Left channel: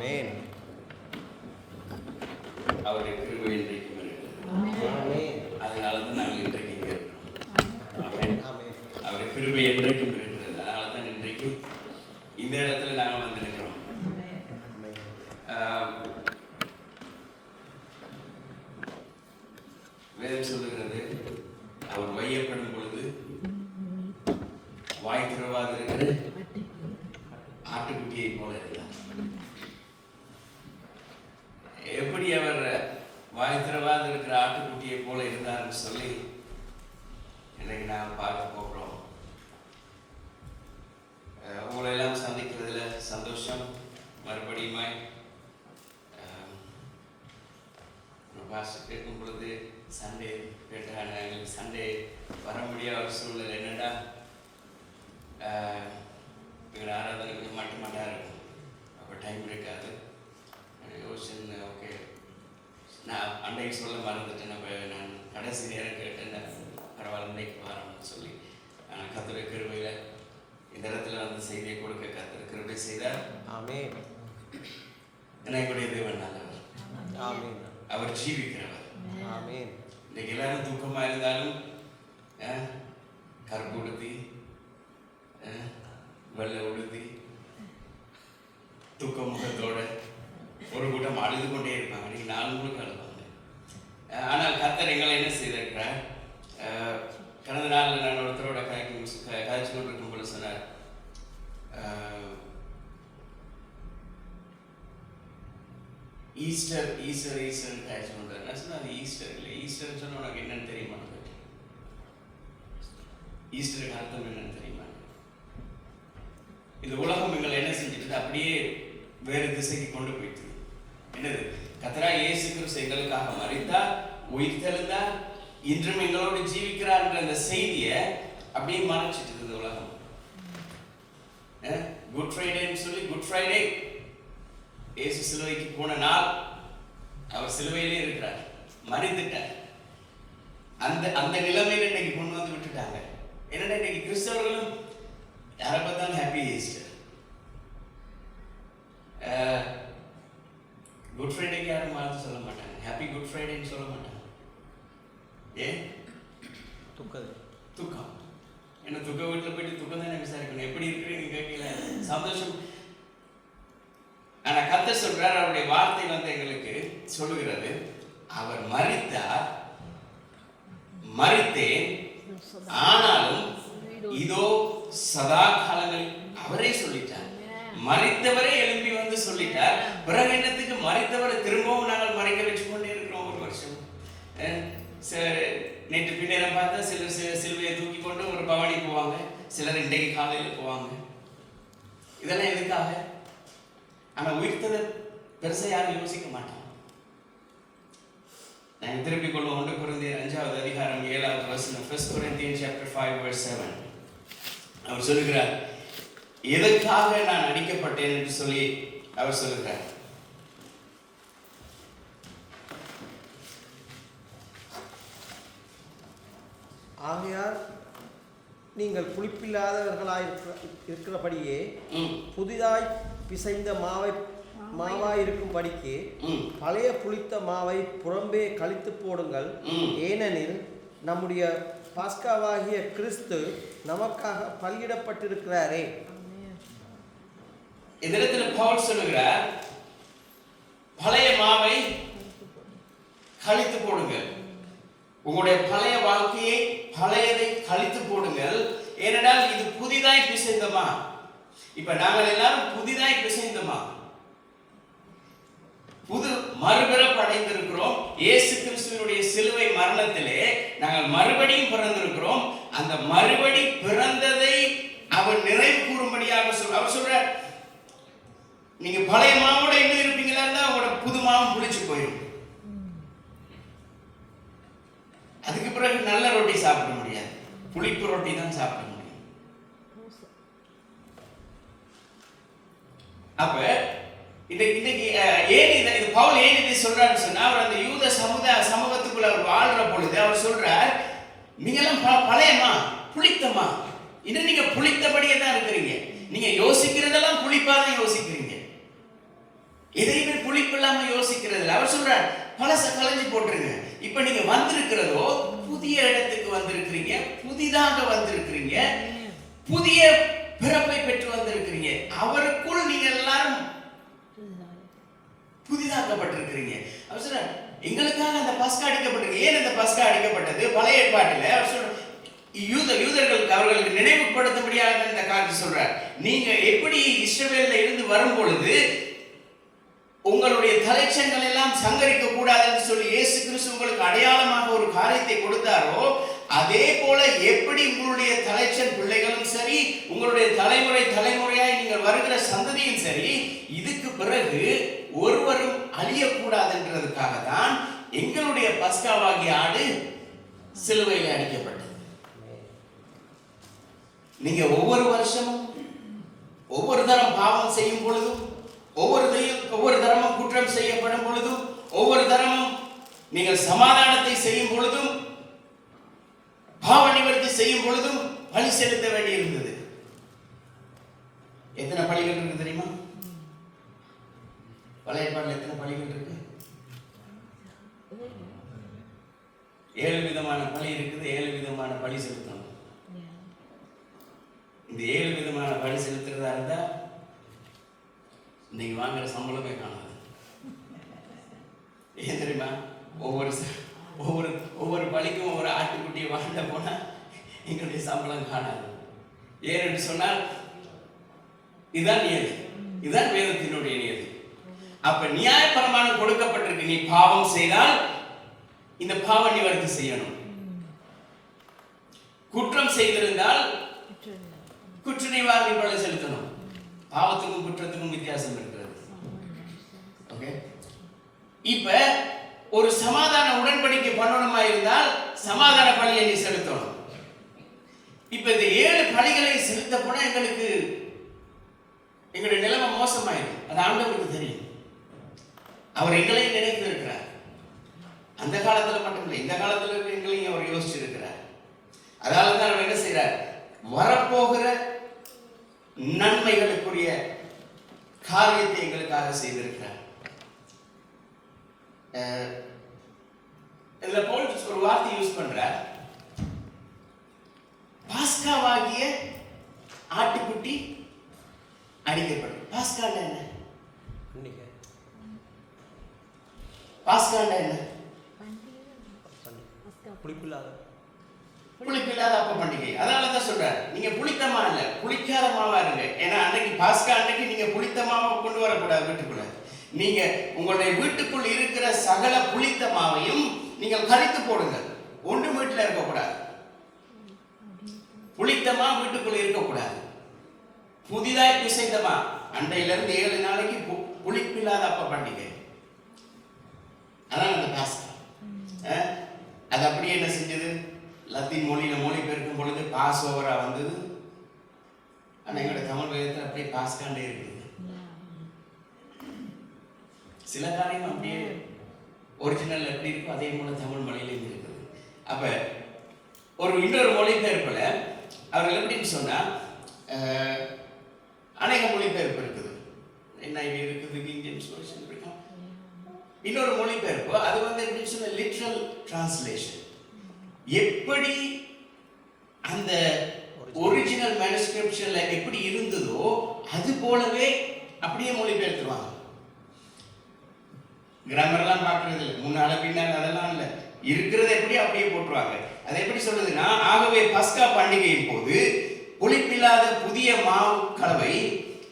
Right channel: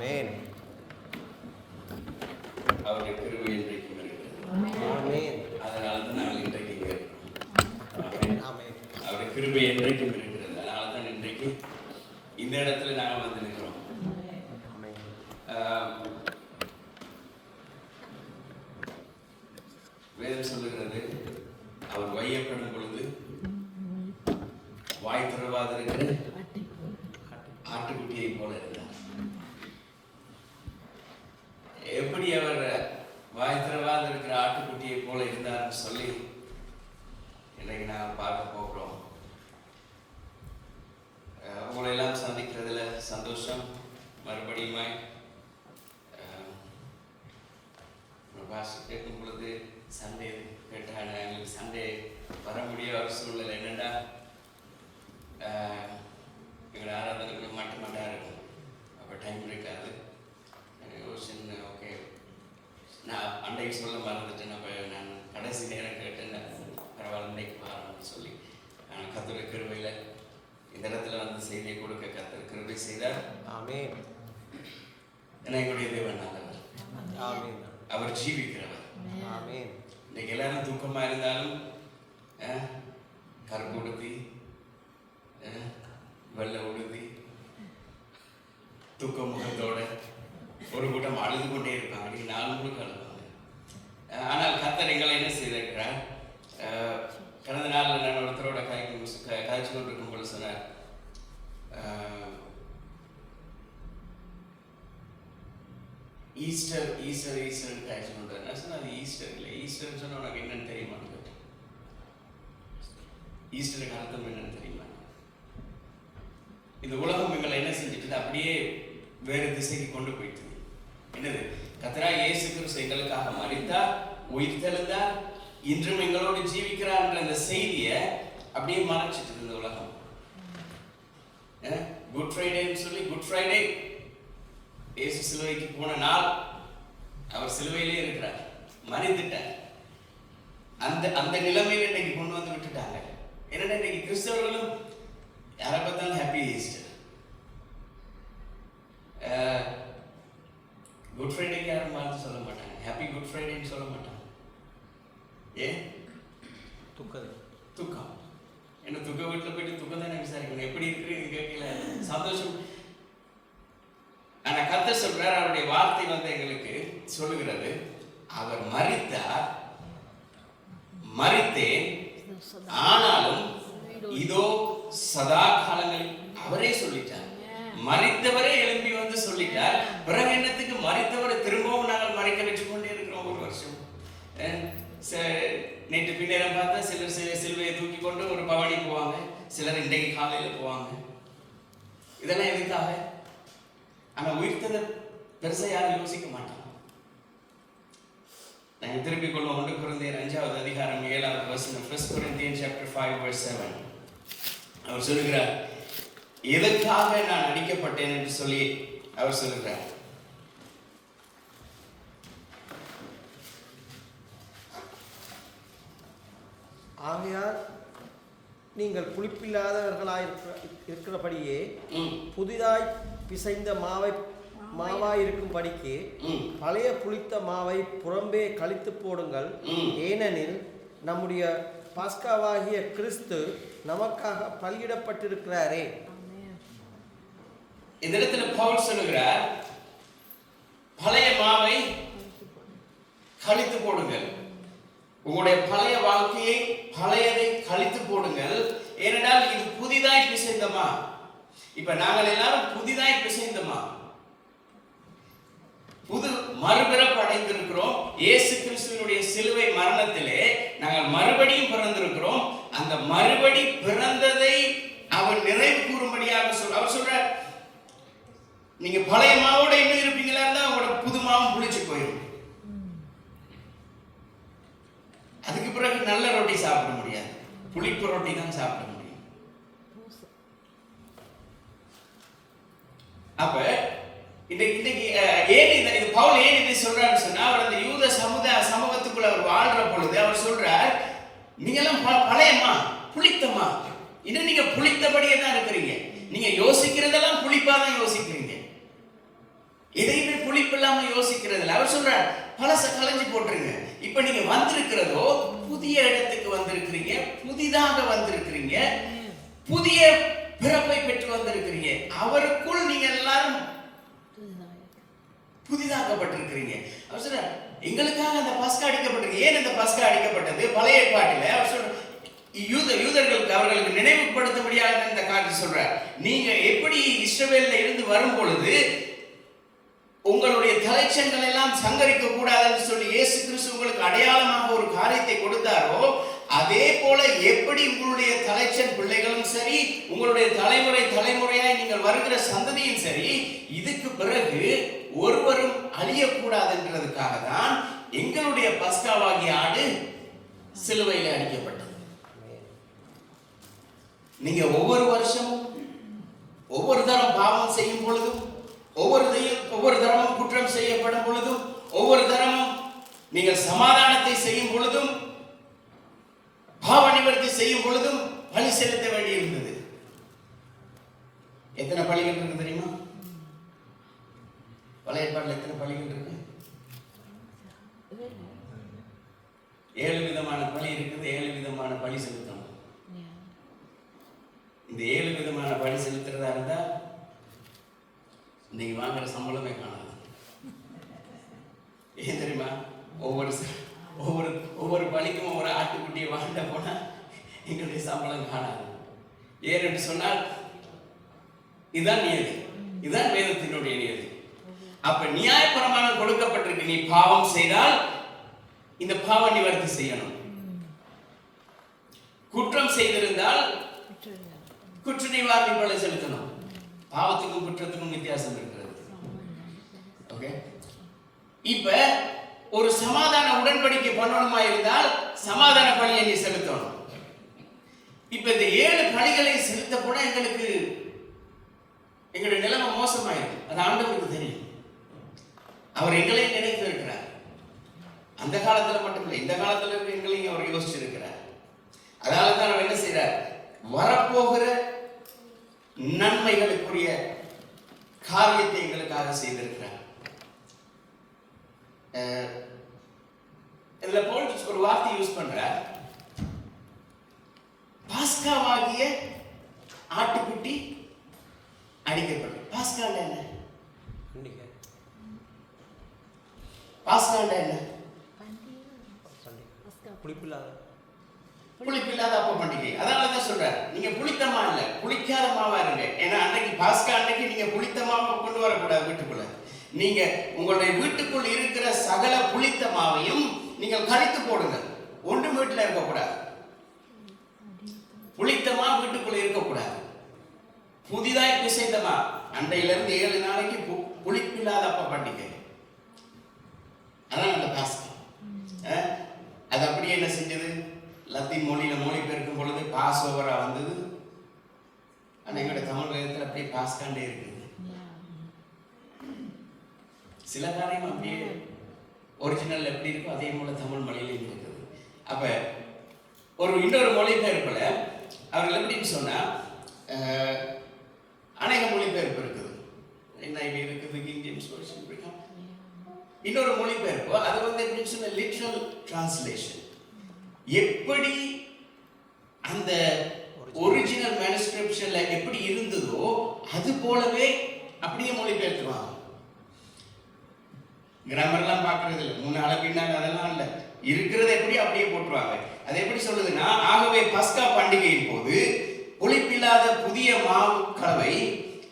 ஆமென். அவருடைய கிருபை இன்றைக்கு வருகிறது. ஆமென். அதனால தான் நாங்கள் இன்றைக்கு இங்கே இருக்கிறோம். ஆமென். அவருடைய கிருபை இன்றைக்கும் இருக்கிறது. அதனால தான் இன்றைக்கு இந்த இடத்துல நாங்கள் வந்து நிற்கிறோம். வேதம் சொல்லுகிறது, அவர் வையப்படும் பொழுது வாய் திறவாது இருக்கிற ஆட்டுக்குட்டியை போல இருந்தார். எப்படி அவர் வாய் திறவாது இருக்கிற ஆட்டுக்குட்டியை போல இருந்தார்னு சொல்லி இன்றைக்கு நாங்கள் பார்க்க போகிறோம். உங்களை எல்லாம் சந்திக்கிறதுல சந்தோஷம். மறுபடியுமா பாஸ்டர் கேட்கும் பொழுது சண்டே கேட்டாங்க. எங்களுக்கு சண்டே வர முடியாத ஒரு சூழ்நிலை என்னென்னா எங்களோட ஆராதனைக்கு மட்டும் இருக்கும். அப்போ டைம் இருக்காது. யோசிச்சு ஓகே நான் அன்றைக்கு சொல்ல மறந்துட்டேன். நான் கடைசி நேரம் கேட்டேன், பரவாயில்ல இன்றைக்கு வரணும்னு சொல்லி கர்த்தருடைய கிருபையில் இந்த இடத்துல வந்து செய்தியை கொடுக்க கர்த்தர் கிருபை செய்தார். ஆமென். என்னுடைய தேவன் நல்லவர். ஆமென். அவர் ஜீவிக்கிறவர். ஆமென். இன்னைக்கு எல்லாரும் தூக்கமாக இருந்தாலும் கருப்பு உடுத்தி வெள்ளை உடுத்தி தூக்க முகத்தோட ஒரு கூட்டம் அழுது கொண்டே இருப்பாங்க. அன்றைக்கி 4 முழுக்க அழுவாங்க. ஆனால் கர்த்தர் எங்களை என்ன செய்திருக்கிறார்? கடந்த நாளில் நான் ஒருத்தரோட காய்ச்சி இருக்கும்போது சொன்னார், ஈஸ்டர் ஈஸ்டர் ஈஸ்டர் காய்ச்சி கொண்டார். நான் சொன்னேன், அது ஈஸ்டர் இல்லை. ஈஸ்டர்னு சொன்னால் உனக்கு என்னன்னு தெரியுமா? ஈஸ்டருக்கு அர்த்தம் என்னன்னு தெரியுமா? இந்த உலகம் எங்களை என்ன செஞ்சுட்டு அப்படியே வேறு திசைக்கு கொண்டு போயிட்டு. என்னது? கர்த்தராகிய இயேசு கிறிஸ்து எங்களுக்காக மரித்தார், உயிர் தெழுந்தார், இன்றும் எங்களோடு ஜீவிக்கிறார் என்ற அந்த செய்தியை அப்படியே மறைச்சிட்டு இந்த உலகம். குட் ஃப்ரைடேன்னு சொல்லி குட் ஃப்ரைடே இயேசு சிலுவைக்கு போன நாள். அவர் சிலுவையிலே இருக்கிறார், மரித்துட்டார். அந்த நிலைமையில இன்னைக்கு கொண்டு வந்து விட்டுட்டாங்க. என்னன்னா இன்னைக்கு கிறிஸ்தவர்களும் யாரை பார்த்தாலும் ஹாப்பி ஈஸ்டர். குட் ஃப்ரைடேக்கு யாரும் வாழ்த்து சொல்ல மாட்டாங்க, ஹாப்பி குட் ஃப்ரைடேன்னு சொல்ல மாட்டாங்க. ஏன்? துக்கம். என்ன துக்க வீட்டில் போயிட்டு துக்கம் தானே விசாரிக்கணும், எப்படி இருக்கிறீங்க கேட்கல, சந்தோஷம். ஆனா கர்த்தர் சொல்றார், அவருடைய வார்த்தை வந்து எங்களுக்கு சொல்லுகிறது, அவர் மரித்தார், மரித்தேன், ஆனாலும் இதோ சதா காலங்களில் அவரே சொல்லிட்டார். மரித்தவரே எழும்பி வந்து சொல்லிட்டார். பிறகு என்னத்துக்கு மரித்தவரை திரும்பவும் நாங்கள் மறைக்க வச்சு கொண்டே இருக்கிறோம் ஒரு வருஷம். நேற்று பின்னேரம் பார்த்தா சிலர் சிலுவையை தூக்கி கொண்டு ஒரு பவனி போவாங்க, சிலர் இன்றைக்கு காலையில் போவாங்க. இதெல்லாம் எதுக்காக? ஆனா உயிர்த்ததை பெருசா யாரும் யோசிக்க மாட்டாங்க. நாங்கள் திருப்பிக் கொள்வோம். 1 கொரிந்தியர் 5வது அதிகாரம் 7வது வசனம். 1 Corinthians chapter 5 verse 7. அவர் சொல்லுகிறார், எதற்காக நான் அடிக்கப்பட்டேன் என்று சொல்லி அவர் சொல்லுகிறார். ஆகையால் நீங்கள் புளிப்பில்லாதவர்களாய் இருக்கிறபடியே புதிதாய் பிசைந்த மாவாயிருக்கும்படிக்கு பழைய புளித்த மாவை புறம்பே கழித்து போடுங்கள். ஏனெனில் நம்முடைய பாஸ்காவாகிய கிறிஸ்து நமக்காக பலியிடப்பட்டிருக்கிறாரே. இந்த இடத்துல பவுல் சொல்லுகிறார், பழைய மாவை கழித்து போடுங்கள். உங்களுடைய பழைய வாழ்க்கையை, பழையதை கழித்து போடுங்கள். ஏனென்றால் இது புதிதாய் பிசைந்தமா. இப்ப நாங்கள் எல்லாரும் புதிதாய் பிசைந்தமா, புது மறுபிறப்படைந்திருக்கிறோம். இயேசு கிறிஸ்துவினுடைய சிலுவை மரணத்திலே நாங்கள் மறுபடியும் பிறந்திருக்கிறோம். அந்த மறுபடி பிறந்ததை அவர் நிறைவு கூறும்படியாக அவர் சொல்றார், நீங்க பழைய மாவோட எப்படி இருப்பீங்களா இருந்தா அவங்களோட புது மாவும் புளிச்சு போயிடும். அதுக்கு பிறகு நல்ல ரொட்டி சாப்பிட முடியாது, புளிப்பு ரொட்டி தான் சாப்பிட முடியும். அப்ப இன்னைக்கு ஏன் இந்த பவுல் ஏன் இப்படி சொல்றாருன்னு சொன்னா, அவர் அந்த யூத சமூகத்துக்குள்ள அவர் வாழ்ற பொழுது அவர் சொல்றார், நீங்க எல்லாம் பழையமா புளித்தமா, இன்னும் நீங்க புளித்தபடியே தான் இருக்கிறீங்க. நீங்க யோசிக்கிறதெல்லாம் புளிப்பா தான் யோசிக்கிறீங்க. எதையுமே புளிப்பு இல்லாம யோசிக்கிறது இல்லை. அவர் சொல்றார், பழச களைஞ்சி போட்டுருங்க. இப்ப நீங்க வந்திருக்கிறதோ புதிய இடத்துக்கு வந்திருக்கிறீங்க, புதிதாக வந்திருக்கிறீங்க, புதிய பிறப்பை பெற்று வந்திருக்கிறீங்க. அவருக்குள் நீங்க எல்லாரும் புதிதாக்கப்பட்டிருக்கிறீங்க. அவர் சொல்றார், எங்களுக்காக அந்த பஸ்கா அடிக்கப்பட்டிருக்கு. ஏன் இந்த பஸ்கா அடிக்கப்பட்டது? பழைய ஏற்பாட்டில் அவர் சொல்றார், யூதர்களுக்கு அவர்களுக்கு நினைவுபடுத்தும்படியாக இந்த காரியத்தை சொல்றார். நீங்க எப்படி இஸ்ரவேல்ல இருந்து வரும் பொழுது உங்களுடைய தலைச்சங்கள் எல்லாம் சங்கரிக்க கூடாதுன்னு சொல்லி இயேசு கிறிஸ்து உங்களுக்கு அடையாளமாக ஒரு காரியத்தை கொடுத்தாரோ, அதே போல எப்படி உங்களுடைய தலைச்சன் பிள்ளைகளும் சரி, உங்களுடைய தலைமுறையாய் நீங்கள் வருகிற சந்ததியும் சரி, இதுக்கு பிறகு ஒருவரும் அழியக்கூடாதுன்றதுக்காக தான் எங்களுடைய பஸ்காவாகிய ஆடு சிலுவையில் அடிக்கப்பட்டது. நீங்க ஒவ்வொரு வருஷமும் ஒவ்வொரு தரம் பாவம் செய்யும் பொழுதும், ஒவ்வொரு தரமும் குற்றம் செய்யப்படும் பொழுதும், ஒவ்வொரு தரமும் நீங்கள் சமாதானத்தை செய்யும் பொழுதும், பாவ நிவர்த்தி செய்யும் பொழுதும் பலி செலுத்த வேண்டி இருந்தது. எத்தனை பலிகள் இருக்கு தெரியுமா? பழைய ஏற்பாட்டில் எத்தனை பலிகள் இருக்கு? 7 விதமான பலி இருக்குது. 7 விதமான பலி செலுத்தணும். இந்த 7 விதமான பலி செலுத்துறதா இருந்தா இன்னைக்கு வாங்குற சம்பளமே காணாது. ஏன் தெரியுமா? ஒவ்வொரு பலிக்கும் ஒவ்வொரு ஆட்டுக்குட்டியை வாங்க போனா எங்களுடைய சம்பளம் காணாது. ஏன்னு சொன்னால் இதுதான் நியதி, இதுதான் வேதத்தினுடைய நியதி. அப்ப நியாயப்பிரமாணம் கொடுக்கப்பட்டிருக்கு. நீ பாவம் செய்தால் இந்த பாவ நிவர்த்தி செய்யணும். குற்றம் செய்திருந்தால் குற்ற நிவாரணி பலி செலுத்தணும். பாவத்துக்கும் குற்றத்துக்கும் வித்தியாசம் இருக்கிறது. ஓகே, இப்ப ஒரு சமாதான உடன்படிக்கை பண்ணணுமா இருந்தால் சமாதான பலியை நீ செலுத்தணும். இப்ப இந்த 7 பலிகளை செலுத்த போனா எங்களுடைய நிலைமை மோசமாயிருக்கு. அது ஆண்டவருக்கு தெரியும். அவர் எங்களையும் நினைத்து இருக்கிறார். அந்த காலத்துல மட்டும் இல்லை, இந்த காலத்துல எங்களையும் அவர் யோசிச்சிருக்கிறார். அதனாலதான் அவர் என்ன செய்யறார்? வரப்போகிற நன்மைகளுக்குரிய காரியத்தை எங்களுக்காக செய்திருக்கிறார். இதுல பவுல் ஒரு வார்த்தை யூஸ் பண்றார், பாஸ்காவாகிய ஆட்டுக்குட்டி அடிக்கப்பட்டது. பாஸ்கா என்ன? பாஸ்கா என்ன? புளிப்பில்லாத அப்ப பண்டிகை. அதனாலதான் சொல்றாரு, நீங்க புளித்தமா இல்ல, புளிக்காத மாவா இருங்க. ஏன்னா அன்னைக்கு பாஸ்கா அன்னைக்கு நீங்க புளித்த மாவை கொண்டு வரக்கூடாது வீட்டுக்குள்ள. நீங்க உங்களுடைய வீட்டுக்குள் இருக்கிற சகல புளித்த மாவையும் நீங்கள் கரித்து போடுங்க. ஒன்று வீட்டுல இருக்கக்கூடாது. புளித்தமா வீட்டுக்குள்ள இருக்கக்கூடாது. புதிதாய் பிசைந்தமா அன்றையில இருந்து 7 நாளைக்கு புளிப்பில்லாத அப்ப பண்டிகை. அதான் அந்த பாஸ்கா. அது அப்படியே என்ன செஞ்சது? லத்தீன் மொழியில மொழிபெயர்க்கும் பொழுது பாஸ் ஓவரா வந்தது. ஆனா எங்களுடைய தமிழ் வேதத்தில் அப்படியே பாஸ்காண்டே இருக்குது. சில காரியம் அப்படியே ஒரிஜினல் எப்படி இருக்கோ அதே போல தமிழ் மொழியிலும் இருக்குது. அப்ப இன்னொரு மொழிபெயர்ப்புல அவர்கள் எப்படின்னு சொன்னா, அநேக மொழிபெயர்ப்பு இருக்குது. NIV இருக்குது, கிங் ஜேம்ஸ் வெர்ஷன் இருக்கு. இன்னொரு மொழிபெயர்ப்பு அது எப்படின்னு சொன்ன லிட்ரல் டிரான்ஸ்லேஷன். எப்படி அந்த ஒரிஜினல் மேனுஸ்கிரிப்ஷன்ல எப்படி இருந்ததோ அது போலவே அப்படியே மொழிபெயர்த்துவாங்க. கிராமர்லாம் பார்க்கறது இல்லை, முன்னால பின்னால அதெல்லாம் இல்லை, இருக்கிறது எப்படி அப்படியே போட்டுருவாங்க. அது எப்படி சொல்றதுன்னா, ஆகவே பஸ்கா பண்டிகையின் போது புளிப்பில்லாத புதிய மாவு கலவை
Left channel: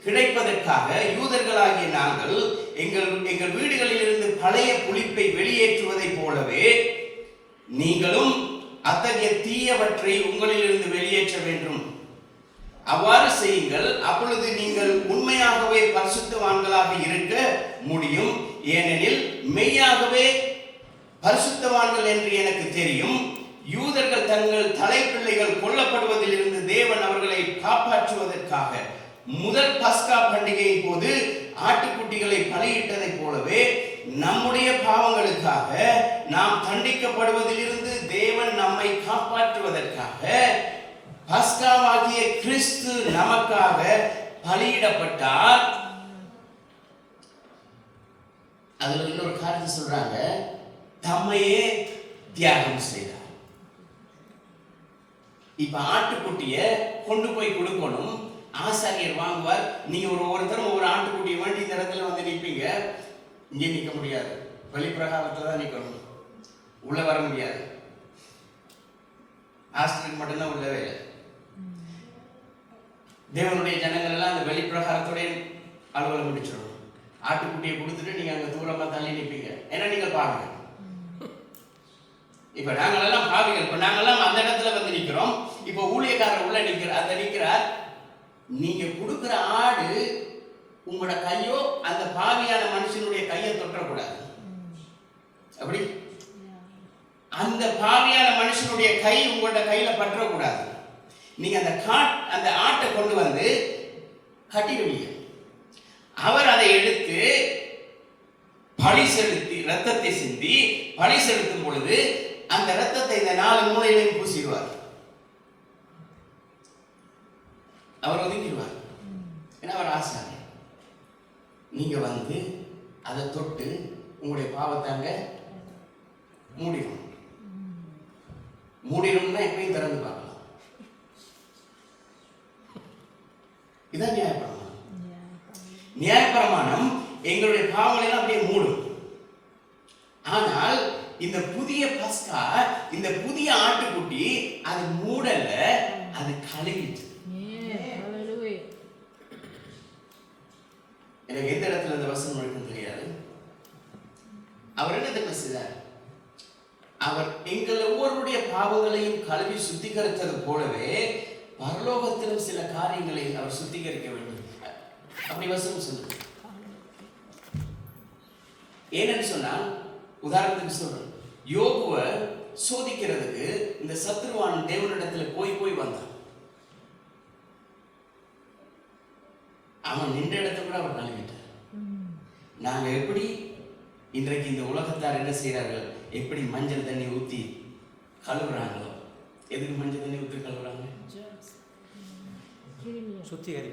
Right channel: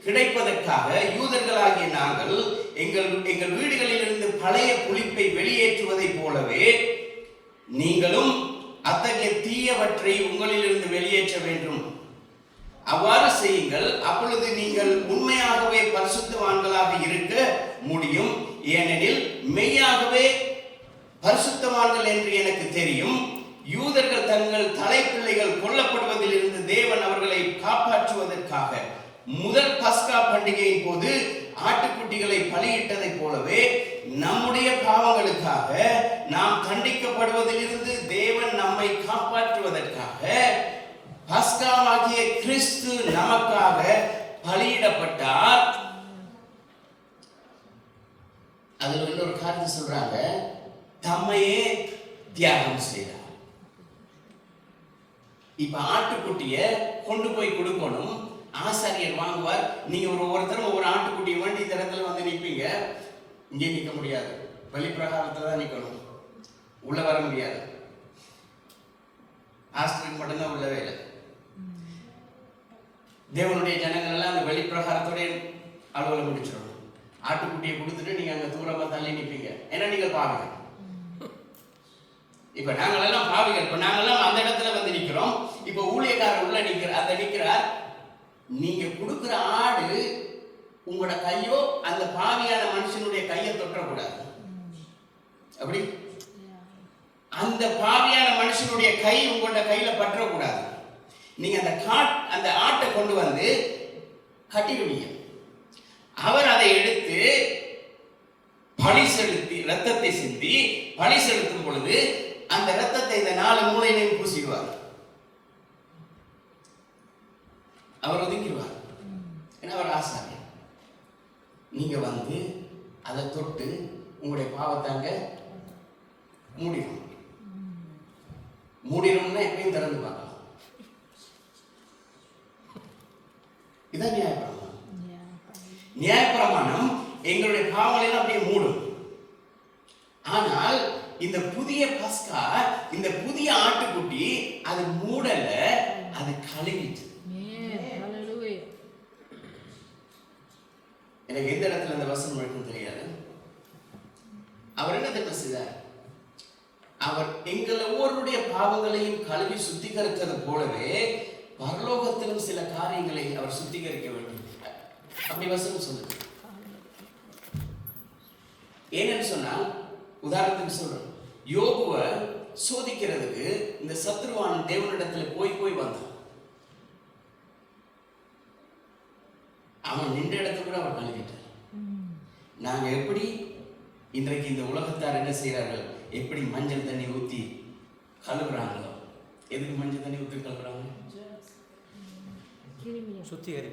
கிடைப்பதற்காக யூதர்களாகிய நாங்கள் எங்கள் வீடுகளில் இருந்து பழைய புளிப்பை வெளியேற்றுவதை போலவே நீங்களும் அத்தகைய தீயவற்றை உங்களிலிருந்து வெளியேற்ற வேண்டும். அவ்வாறு செய்யுங்கள், அப்பொழுது நீங்கள் உண்மையாகவே பரிசுத்தவான்களாக இருக்க முடியும். ஏனெனில் மெய்யாகவே பரிசுத்தவான்கள் என்று எனக்கு தெரியும். யூதர்கள் தங்கள் தலைப்பிள்ளைகள் கொல்லப்படுவதில் இருந்து தேவன் அவர்களை காப்பாற்றுவதற்காக முதல் பஸ்கா பண்டிகையின் போது ஆட்டுக்குட்டிகளை பலியிட்டதை போலவே நம்முடைய பாவங்களுக்காக நாம் தண்டிக்கப்படுவதிலிருந்து தேவன் நம்மை காப்பாற்றுவதற்காக பஸ்காவாகிய கிறிஸ்து நமக்காக பலியிடப்பட்டார். அதுல இன்னொரு காரியத்தை சொல்றாங்க, தம்மையே தியாகம் செய்தார். இப்ப ஆட்டுக்குட்டிய கொண்டு போய் கொடுக்கணும், ஆசாரியர் வாங்குவார். நீங்க ஒவ்வொருத்தரும் ஒவ்வொரு ஆட்டுக்குட்டியை வேண்டி இந்த இடத்துல வந்து நிற்பீங்க. இங்கே நிற்க முடியாது, வெளிப்பிரகாரத்துல தான் நிற்கணும், உள்ள வர முடியாது. ஆஸ்திரேலியா மட்டும்தான் உள்ளவே இல்லை. தேவனுடைய ஜனங்கள் எல்லாம் அந்த வெளிப்பிரகாரத்துடைய அலுவலம் முடிச்சிடணும். ஆட்டுக்குட்டியை கொடுத்துட்டு நீங்க அங்க தூரமா தள்ளி நிற்பீங்க. ஏன்னா நீங்க பாருங்க, இப்ப நாங்களெல்லாம் பாவிகள், இப்ப நாங்கெல்லாம் அந்த இடத்துல வந்து நிக்கிறோம். இப்ப ஊழியக்காரர் உள்ள நிக்கிறார். நீங்க கொடுக்கிற ஆடு உங்களோட கையோ அந்த பாவியான மனுஷனுடைய கையை தொட்டக்கூடாது. அப்படி அந்த பாவியான மனுஷனுடைய கை உங்களோட கையில பற்றக்கூடாது. நீங்க அந்த ஆட்டை கொண்டு வந்து கட்டிடுவீங்க. அவர் அதை எடுத்து பழி செலுத்தி ரத்தத்தை சிந்தி பழி செலுத்தும் பொழுது அந்த ரத்தத்தை இந்த 4 மூலையிலையும் பூசிடுவார். அவர் ஒதுங்கிடுவார். ஏன்னா அவர் ஆசாரி. நீங்க வந்து அதை தொட்டு உங்களுடைய பாவத்தாங்க மூடிடணும்னா எப்பயும் திறந்து பார்க்கலாம். இதான் நியாயப்பிரமாணம். நியாயப்பிரமாணம் எங்களுடைய பாவங்களை அப்படியே மூடும். ஆனால் இந்த புதிய பஸ்கா, இந்த புதிய ஆட்டுக்குட்டி அது மூடல, அது கழுவிட்டு. எனக்கு எந்த இடத்துல அந்த வசனம் இருக்குன்னு தெரியாது. அவர் என்ன தெரியுமா செய்தார்? அவர் எங்கள் ஒவ்வொருடைய பாவங்களையும் கழுவி சுத்திகரித்தது போலவே பரலோகத்திலும் சில காரியங்களை அவர் சுத்திகரிக்க வேண்டும். அப்படி வசனம் சொல்லுது. ஏன்னு சொன்னா, உதாரணத்துக்கு சொல்றேன், யோபுவை சோதிக்கிறதுக்கு இந்த சத்ருவான் தேவனிடத்துல போய் வந்தான். அவன் நின்ற இடத்துல கூட அவர் கழுவிட்டார். நாங்க எப்படி இன்றைக்கு இந்த உலகத்தார் என்ன செய்யறார்கள், எப்படி மஞ்சள் தண்ணி ஊத்தி கழுவுறாங்களோ. எதுக்கு மஞ்சள் தண்ணி ஊத்தி கழுவுறாங்க? சுத்திகரி.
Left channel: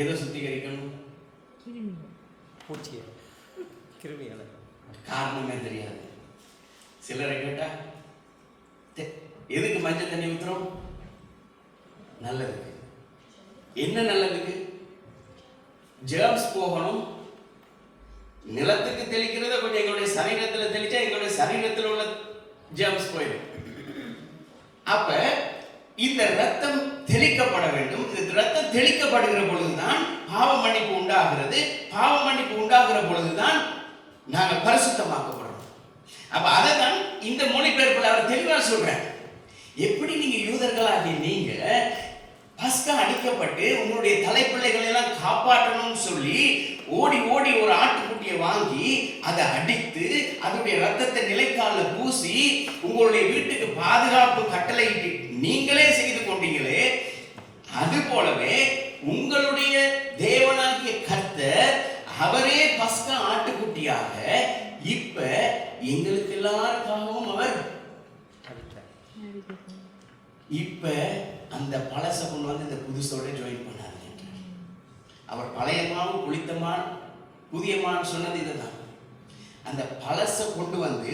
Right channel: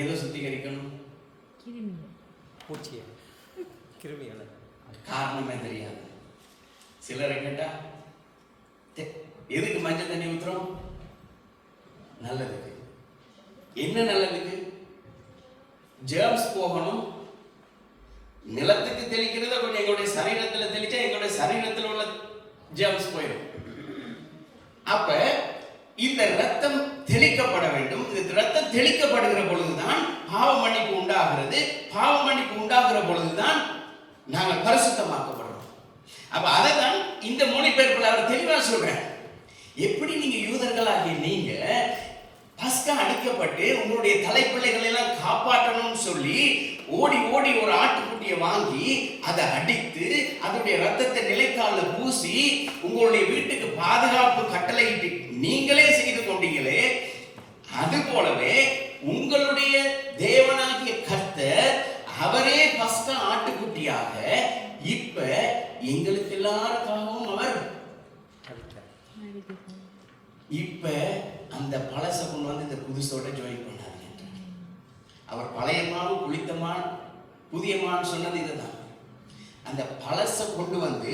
எதை சுத்திகரிக்கணும்? பூச்சியை, கிருமிகளை. காரணமே தெரியாது. சிலரை கேட்டா எதுக்கு மஞ்சள் தண்ணி ஊத்துறோம்? நல்லதுக்கு. என்ன நல்லதுக்கு? ஜெர்ம்ஸ் போகணும். நிலத்துக்கு தெளிக்கிறத கொஞ்சம் எங்களுடைய சரீரத்தில் தெளிச்சா எங்களுடைய சரீரத்தில் உள்ள ஜெர்ம்ஸ் போயிடும். அப்ப இந்த ரத்தம் தெளிக்கப்பட வேண்டும். இந்த ரத்தம் தெளிக்கப்படுகிற பொழுதுதான் பாவ மன்னிப்பு உண்டாகிறது. பாவ மன்னிப்பு உண்டாகிற பொழுதுதான் நாங்கள் பரிசுத்தமாக்கப்படுறோம். அப்ப அதைதான் இந்த மொழிபெயர்ப்பில் அவர் தெளிவா சொல்றார். எப்படி நீங்க யூதர்களாகிய நீங்க பஸ்கா அடிக்கப்பட்டு உங்களுடைய தலைப்பிள்ளைகளை எல்லாம் காப்பாற்றணும்னு சொல்லி ஓடி ஒரு ஆட்டுக்குட்டியை வாங்கி அதை அடித்து அதனுடைய ரத்தத்தை நிலைக்கால பூசி உங்களுடைய வீட்டுக்கு பாதுகாப்பு கட்டளையிட்டு நீங்களே செய்து கொண்டீங்களே, அது போலவே உங்களுடைய தேவனாகிய கர்த்தர் அவரே பஸ்கா ஆட்டுக்குட்டியாக இப்ப எங்களுக்கு எல்லாருக்காகவும் அவர் இப்ப அந்த பழச கொண்டு வந்து இந்த புதுசோட ஜாயின் பண்ணாரு. அவர் பழையமான் புளித்தமான் புதியமான் சொன்னது இதுதான். அந்த பழச கொண்டு வந்து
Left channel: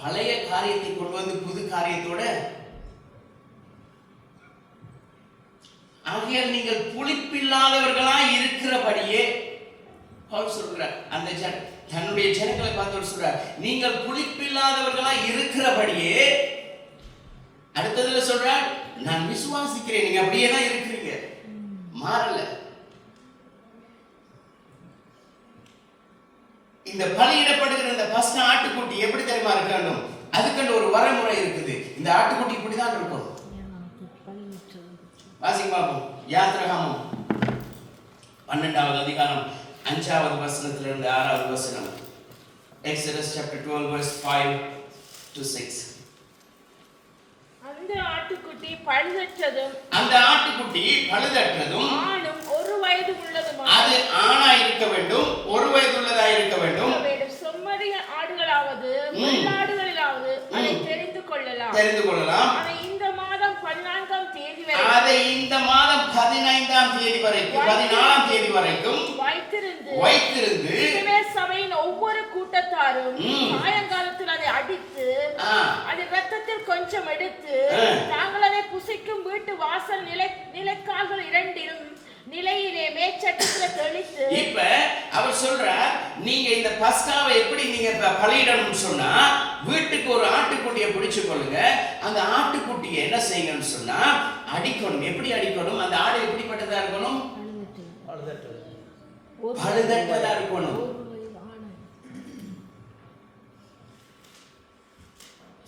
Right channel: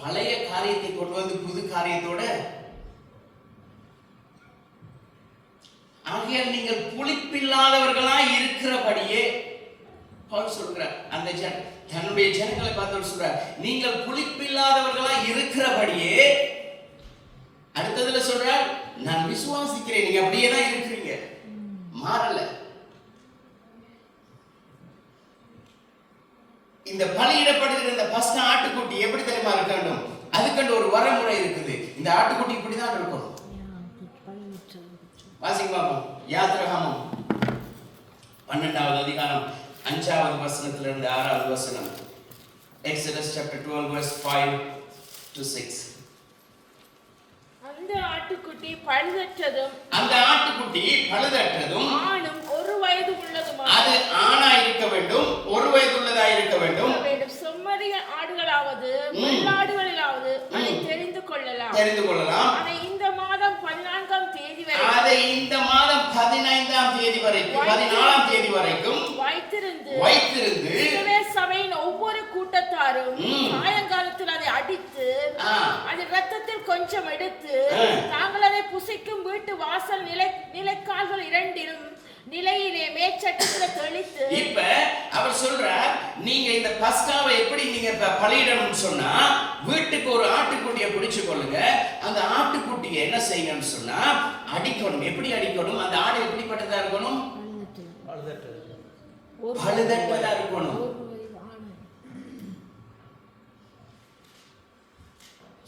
பழைய காரியத்தை கொண்டு வந்து புது காரியத்தோட, ஆகையால் நீங்கள் புளிப்பில்லாதவர்களா இருக்கிறபடியே பவுல் சொல்றார். அந்த தன்னுடைய ஜனங்களை பார்த்து சொல்றார், நீங்கள் புளிப்பில்லாதவர்களா இருக்கிறபடியே. அடுத்ததுல சொல்றார், நான் விசுவாசிக்கிறேன். நீங்க அப்படியே தான் இருக்கிறீங்க, மாறல. இந்த பலியிடப்படுகிற இந்த பஸ்கா ஆட்டுக்குட்டி எப்படி தெரியுமா இருக்கணும்? அதுக்கு ஒரு வரமுறை இருக்குது. இந்த ஆட்டுக்குட்டி இப்படிதான் இருக்கும். வாசிங்க பாப்போம். யாத்திராகமம் 12வது அதிகாரம் 5வது வசனத்திலிருந்து 6வது வசனம். Exodus chapter 12 verse 5 to 6. அந்த ஆட்டுக்குட்டி பழுதற்றதும் ஆணும் 1 வயது உள்ளதுமாக, அது ஆணா இருக்க வேண்டும், 1 வயது உள்ளதா இருக்க வேண்டும். செம்மறி ஆடுகளாவது வெள்ளாடுகளிலாவது அதை தெரிந்து கொள்ளலாம். அதை இந்த மாதம் 14ஆம் தேதி வரைக்கும் வைத்திருந்து சபையின் இவ்வாறும் சாயங்காலத்தில் அதை அடித்து அது ரத்தத்தில் கொஞ்சம் எடுத்து தாங்கள் அதை புசிக்கும் வீட்டு வாசல் நிலைக்கால்கள் இரண்டிலும் நிலையிலே மேச்சட்டத்துல தெளித்து. இப்ப அவர் சொல்றார், நீங்க இந்த பஸ்காவை எப்படி நீங்க பலியிடணும்னு சொன்னா, வீட்டுக்கு ஒரு ஆட்டுக்குட்டியை பிடிச்சு கொள்ளுங்க. அந்த ஆட்டுக்குட்டியை என்ன செய்யணும்னு சொன்னா அடிக்கணும். எப்படி அடிக்கணும்? அந்த ஆடு எப்படிப்பட்டதா இருக்கணும்? பழுதட்டதா இருக்கணும்.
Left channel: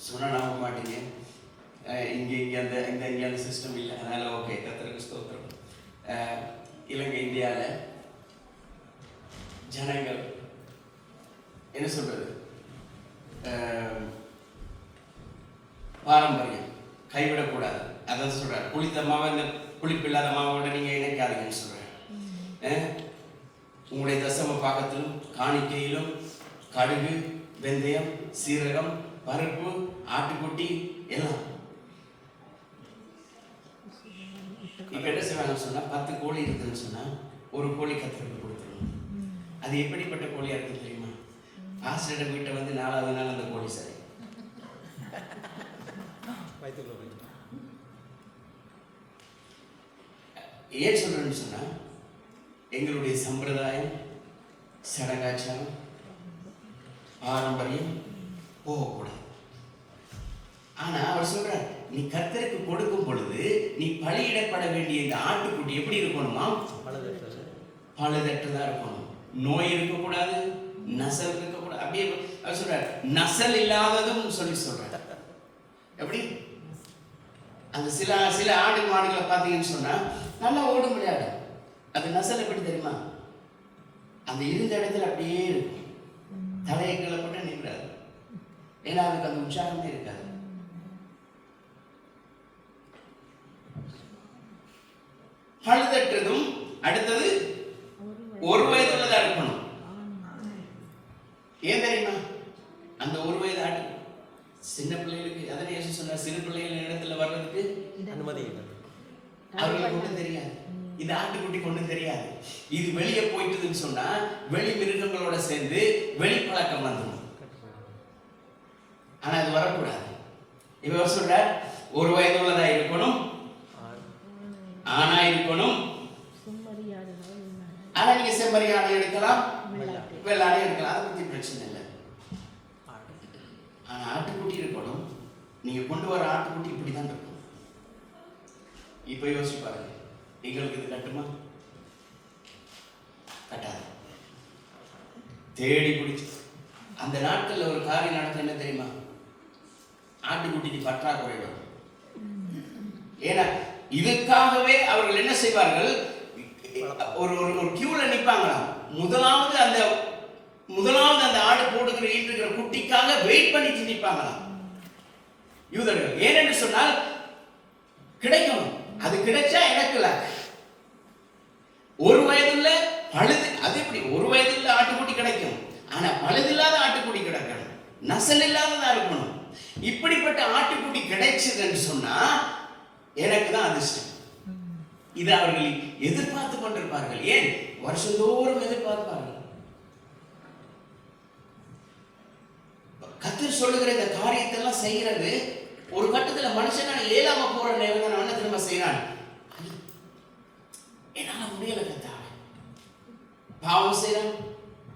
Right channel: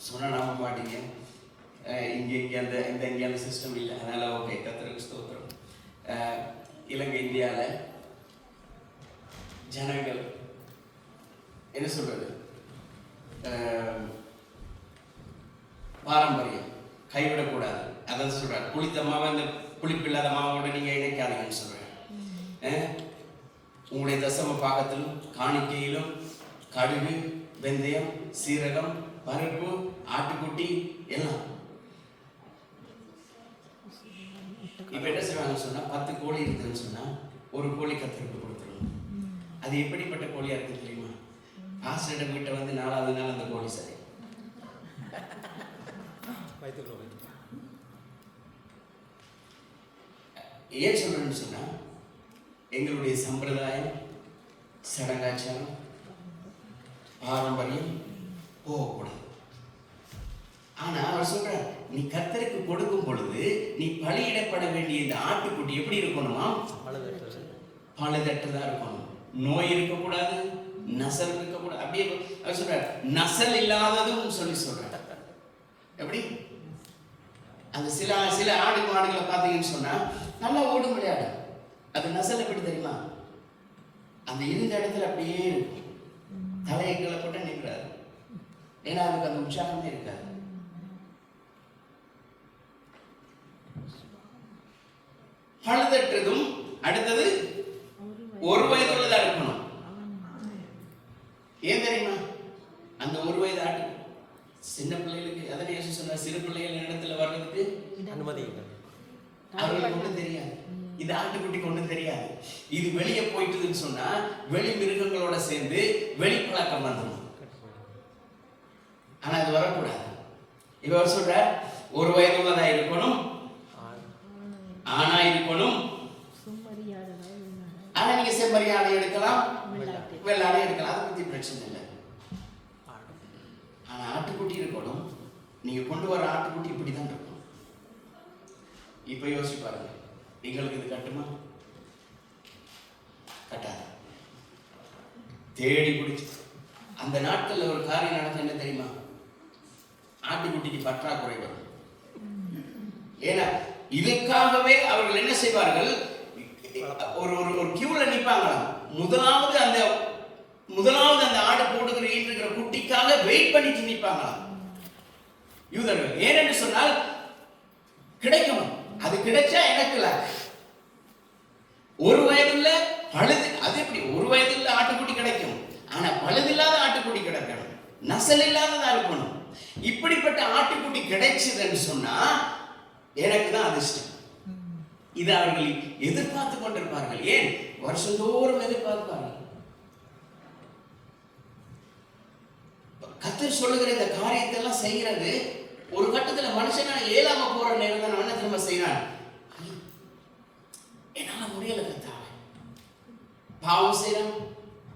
சொன்னா நம்ப மாட்டீங்க. இங்க அந்த சிஸ்டம் இல்லை. அதனால ஓகே, கர்த்தருக்கு ஸ்தோத்திரம். இலங்கை இந்தியாவில் ஜனங்கள் என்ன சொல்றது, பாரம்பரியம் கைவிடக்கூடாது. அதான் சொல்றாரு, புளித்த மாவை இந்த புளிப்பில்லாத மாவோட நீங்க இணைக்காதீங்கன்னு சொல்றேன். உங்களுடைய தசம பாகத்திலும் காணிக்கையிலும் கடுகு, வெந்தயம், சீரகம், பருப்பு, ஆட்டுக்குட்டி எல்லாம். இப்ப என்ன செய்வாங்கன்னு சொன்னா, 10 கோழி இருக்குன்னு சொன்னா ஒரு கோழி கத்தருக்கு கொடுத்துருவோம். அது எப்படிப்பட்ட கோழியா இருக்கு தெரியுமா? ஆசிரியர் வீட்டை வந்து 4வது நாள் அந்த கோழி சரி. ஏன் சொல்றேன்னு சொன்னா, எங்களுடைய சம்பிரதாயம், சடங்காச்சாரம், பாரம்பரியம் போகக்கூடாது. ஆனா அவர் சொல்றார், நீ கர்த்தருக்கு கொடுக்கும் பொழுது நீ பலியிடப்பட வேண்டிய இந்த ஆட்டுக்குட்டி எப்படி இருக்கணுமா? பழுதற்றதா இருக்கணும். நோய் இருக்கக்கூடாது, நசல் இருக்கக்கூடாது. அப்படியே அவர் சொல்றார், நசல் இல்லாததும் சொல்றார். எப்படி? அந்த சில ஆடு மாடுகளை பார்த்தீங்கன்னு சொன்னா நல்லா ஓட முடியாது. அது நசல் எப்படி தெரியுமா? அந்த இருந்த இடத்துல அப்படியே இருக்கும். தலைகளை போட்டு நிற்கிறாரு. ஏன்னா அதுக்கு அந்த உற்சாகமே இருக்காது. பழுதற்றதும் அடுத்தது 1 வயதுள்ளதா இருக்கணும். ஏன் தெரியுமா? அந்த 1 வயது ஆட்டு சின்ன பிள்ளைகளுக்கு, அதனை இயேசு சொன்னார், சிறு பிள்ளைகள் இடத்துல வர்றதுக்கு அனுமதி இல்லை. அவர்களுக்கு ஒன்றும் தெரியாது. இது ஆட்டுக்குட்டி கொண்டு தெரியாது. இது வெளியே போயிட்டுதுன்னு சொன்னா வெளி மிருகங்களோட சேர்ந்து வெளி பழக்கம் வந்துடும். ஆனா அது வரக்கூடாது. இவர் சொல்றார், 1 வயது உள்ளதா இருக்கணும், ஆனா இருக்கணும். ஆனா நீங்க செம்மறியாடை எடுக்கலாம், வெள்ளாடை எடுக்கலாம், அதை பத்தி பிரச்சனை இல்லை. ஆனா ஆட்டுக்குட்டி இருக்கணும். நீங்க கொண்டு வர ஆட்டுக்குட்டி இப்படிதான் இருக்கும். இப்ப யோசிச்சு பாருங்க, எங்களுக்கு இது கட்டுமா? கட்டாது. தேடி பிடிச்சு அந்த நாட்கள்ல ஒரு காரியம் நடந்து என்ன தெரியுமா? ஆட்டுக்குட்டிக்கு பற்றாக்குறை வரும். ஏன்னா இதுக்காகவே அவர்கள் என்ன செய்வார்கள், ஒரு கியூல நிற்பாங்களாம். முதலாவது அந்த ஆடு போடுகிற ஈன்றுகிற குட்டிக்காக வெயிட் பண்ணிட்டு நிற்பாங்களாம் யூதர்கள். ஏனென்று சொன்னால் கிடைக்கணும். அது கிடைச்சா எனக்கு 1 வயதுள்ள பழுது, அது எப்படி 1 வயதுள்ள ஆட்டுக்குட்டி கிடைக்கும்? ஆனா பழுதில்லாத ஆட்டுக்குட்டி கிடைக்கணும், நசல் இல்லாததா இருக்கணும். இப்படிப்பட்ட ஆட்டுக்குட்டி கிடைச்சதுன்னு சொன்னா எனக்கு தான் அதிர்ஷ்டம். இது அவர்கள் எதிர்பார்த்து கொண்டிருப்பார்கள். ஏன்? வருஷந்தோறும் எதிர்பார்ப்பார்கள். கர்த்தர் சொல்லுகிற இந்த காரியத்தை எல்லாம் செய்யறது ஒரு கட்டத்துல மனுஷனால ஏலாம போற நேரம் என்ன திரும்ப செய்யறான். என்னால முடியல கர்த்தாவே, பாவம் செய்யறான்,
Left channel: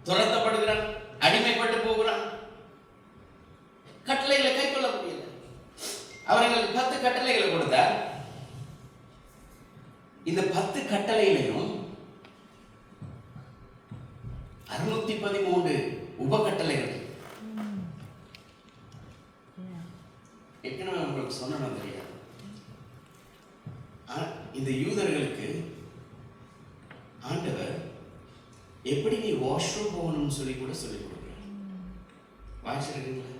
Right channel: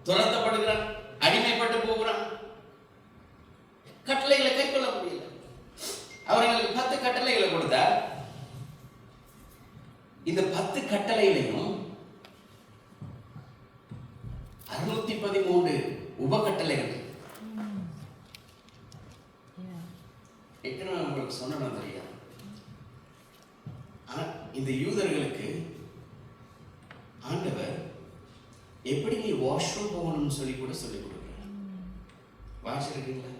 துரத்தப்படுகிறான், அடிமைப்பட்டு போகிறான், கட்டளைகளை கை கொள்ள முடியல. அவர்களுக்கு 10 கட்டளைகளை கொடுத்தார். இந்த 10 கட்டளையிலையும் 613 உபகட்டளைகள். ஏற்கனவே உங்களுக்கு சொன்னா தெரியாது. இந்த யூதர்களுக்கு ஆண்டவர் எப்படி நீ வாஷ்ரூம் போகணும்னு சொல்லி கூட சொல்லிக் கொடுக்கிறார். வாஷ் இருக்குங்களா?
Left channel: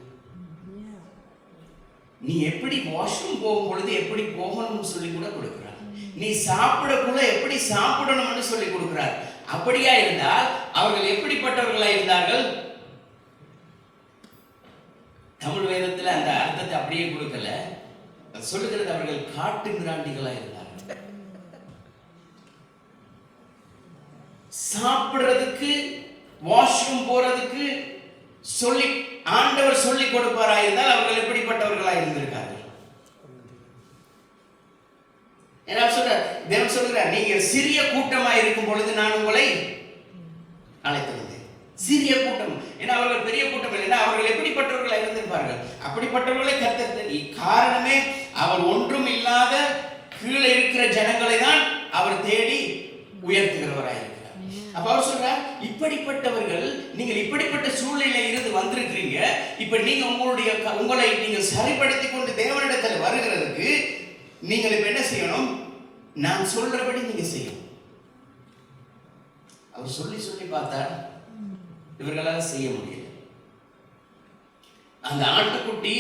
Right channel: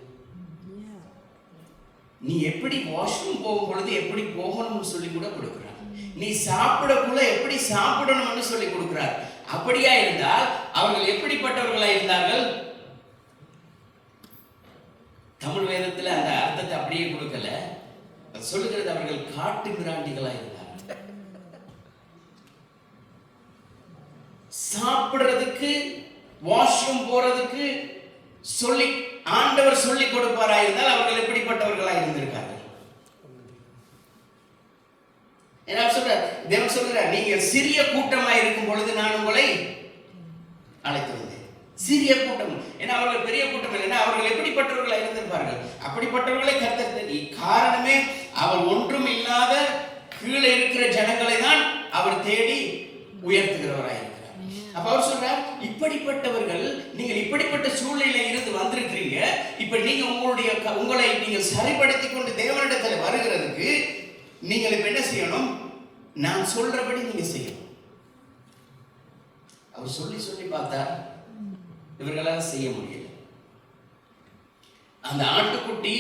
நீ எப்படி வாஷ்ரூம் போகும் பொழுது எப்படி போகணும்னு சொல்லி கூட கொடுக்கிறார். நீ சாப்பிடக்குள்ள எப்படி சாப்பிடணும்னு சொல்லி கொடுக்கிறார். அப்படியா இருந்தால் அவர்கள் எப்படிப்பட்டவர்களா இருந்தார்கள்? தமிழ் வேதத்துல அந்த அர்த்தத்தை அப்படியே கொடுக்கல, சொல்லுகிறது அவர்கள் காட்டு மிராண்டிகளா இருந்தார்கள். சாப்பிடுறதுக்கு, வாஷ்ரூம் போறதுக்கு சொல்லி ஆண்டவர் சொல்லி கொடுப்பாராய் இருந்தால் அவர்கள் எப்படிப்பட்டவர்களாக இருந்திருக்கார்கள்? தேவன் சொல்றார், நீங்க சிறிய கூட்டமா இருக்கும் பொழுது நான் உங்களை அழைத்திருந்தேன். சிறிய கூட்டம், ஏன்னா அவர்கள் பெரிய கூட்டம் இல்லைன்னா அவர்கள் எப்படிப்பட்டவர்களாக இருந்திருப்பார்கள்? அப்படிப்பட்டவர்களை கர்த்தர் தெரியும். காரணமே அவர் ஒன்றும் இல்லாத கீழே இருக்கிற ஜனங்களை தான் அவர் தேடி உயர்த்துகிறவராக இருக்கிறார். அப்ப அவர் சொல்றார், இப்படிப்பட்டவர்கள், நீங்கள் இப்படிப்பட்ட சூழ்நிலையில இருந்து வந்திருக்கிறீங்க. இப்ப நீங்க உங்களை நீங்க சரிப்படுத்தி கொண்டு தேவனிடத்தில் வருகிறதுக்கு நீங்கள் இப்ப என்ன செய்யணும்? நான் சொல்றபடி நீங்க செய்யணும். அவர் சொல்லி சொல்லி பார்த்தா இவர்களால் செய்ய முடியல. அந்த ஆட்டுக்குட்டி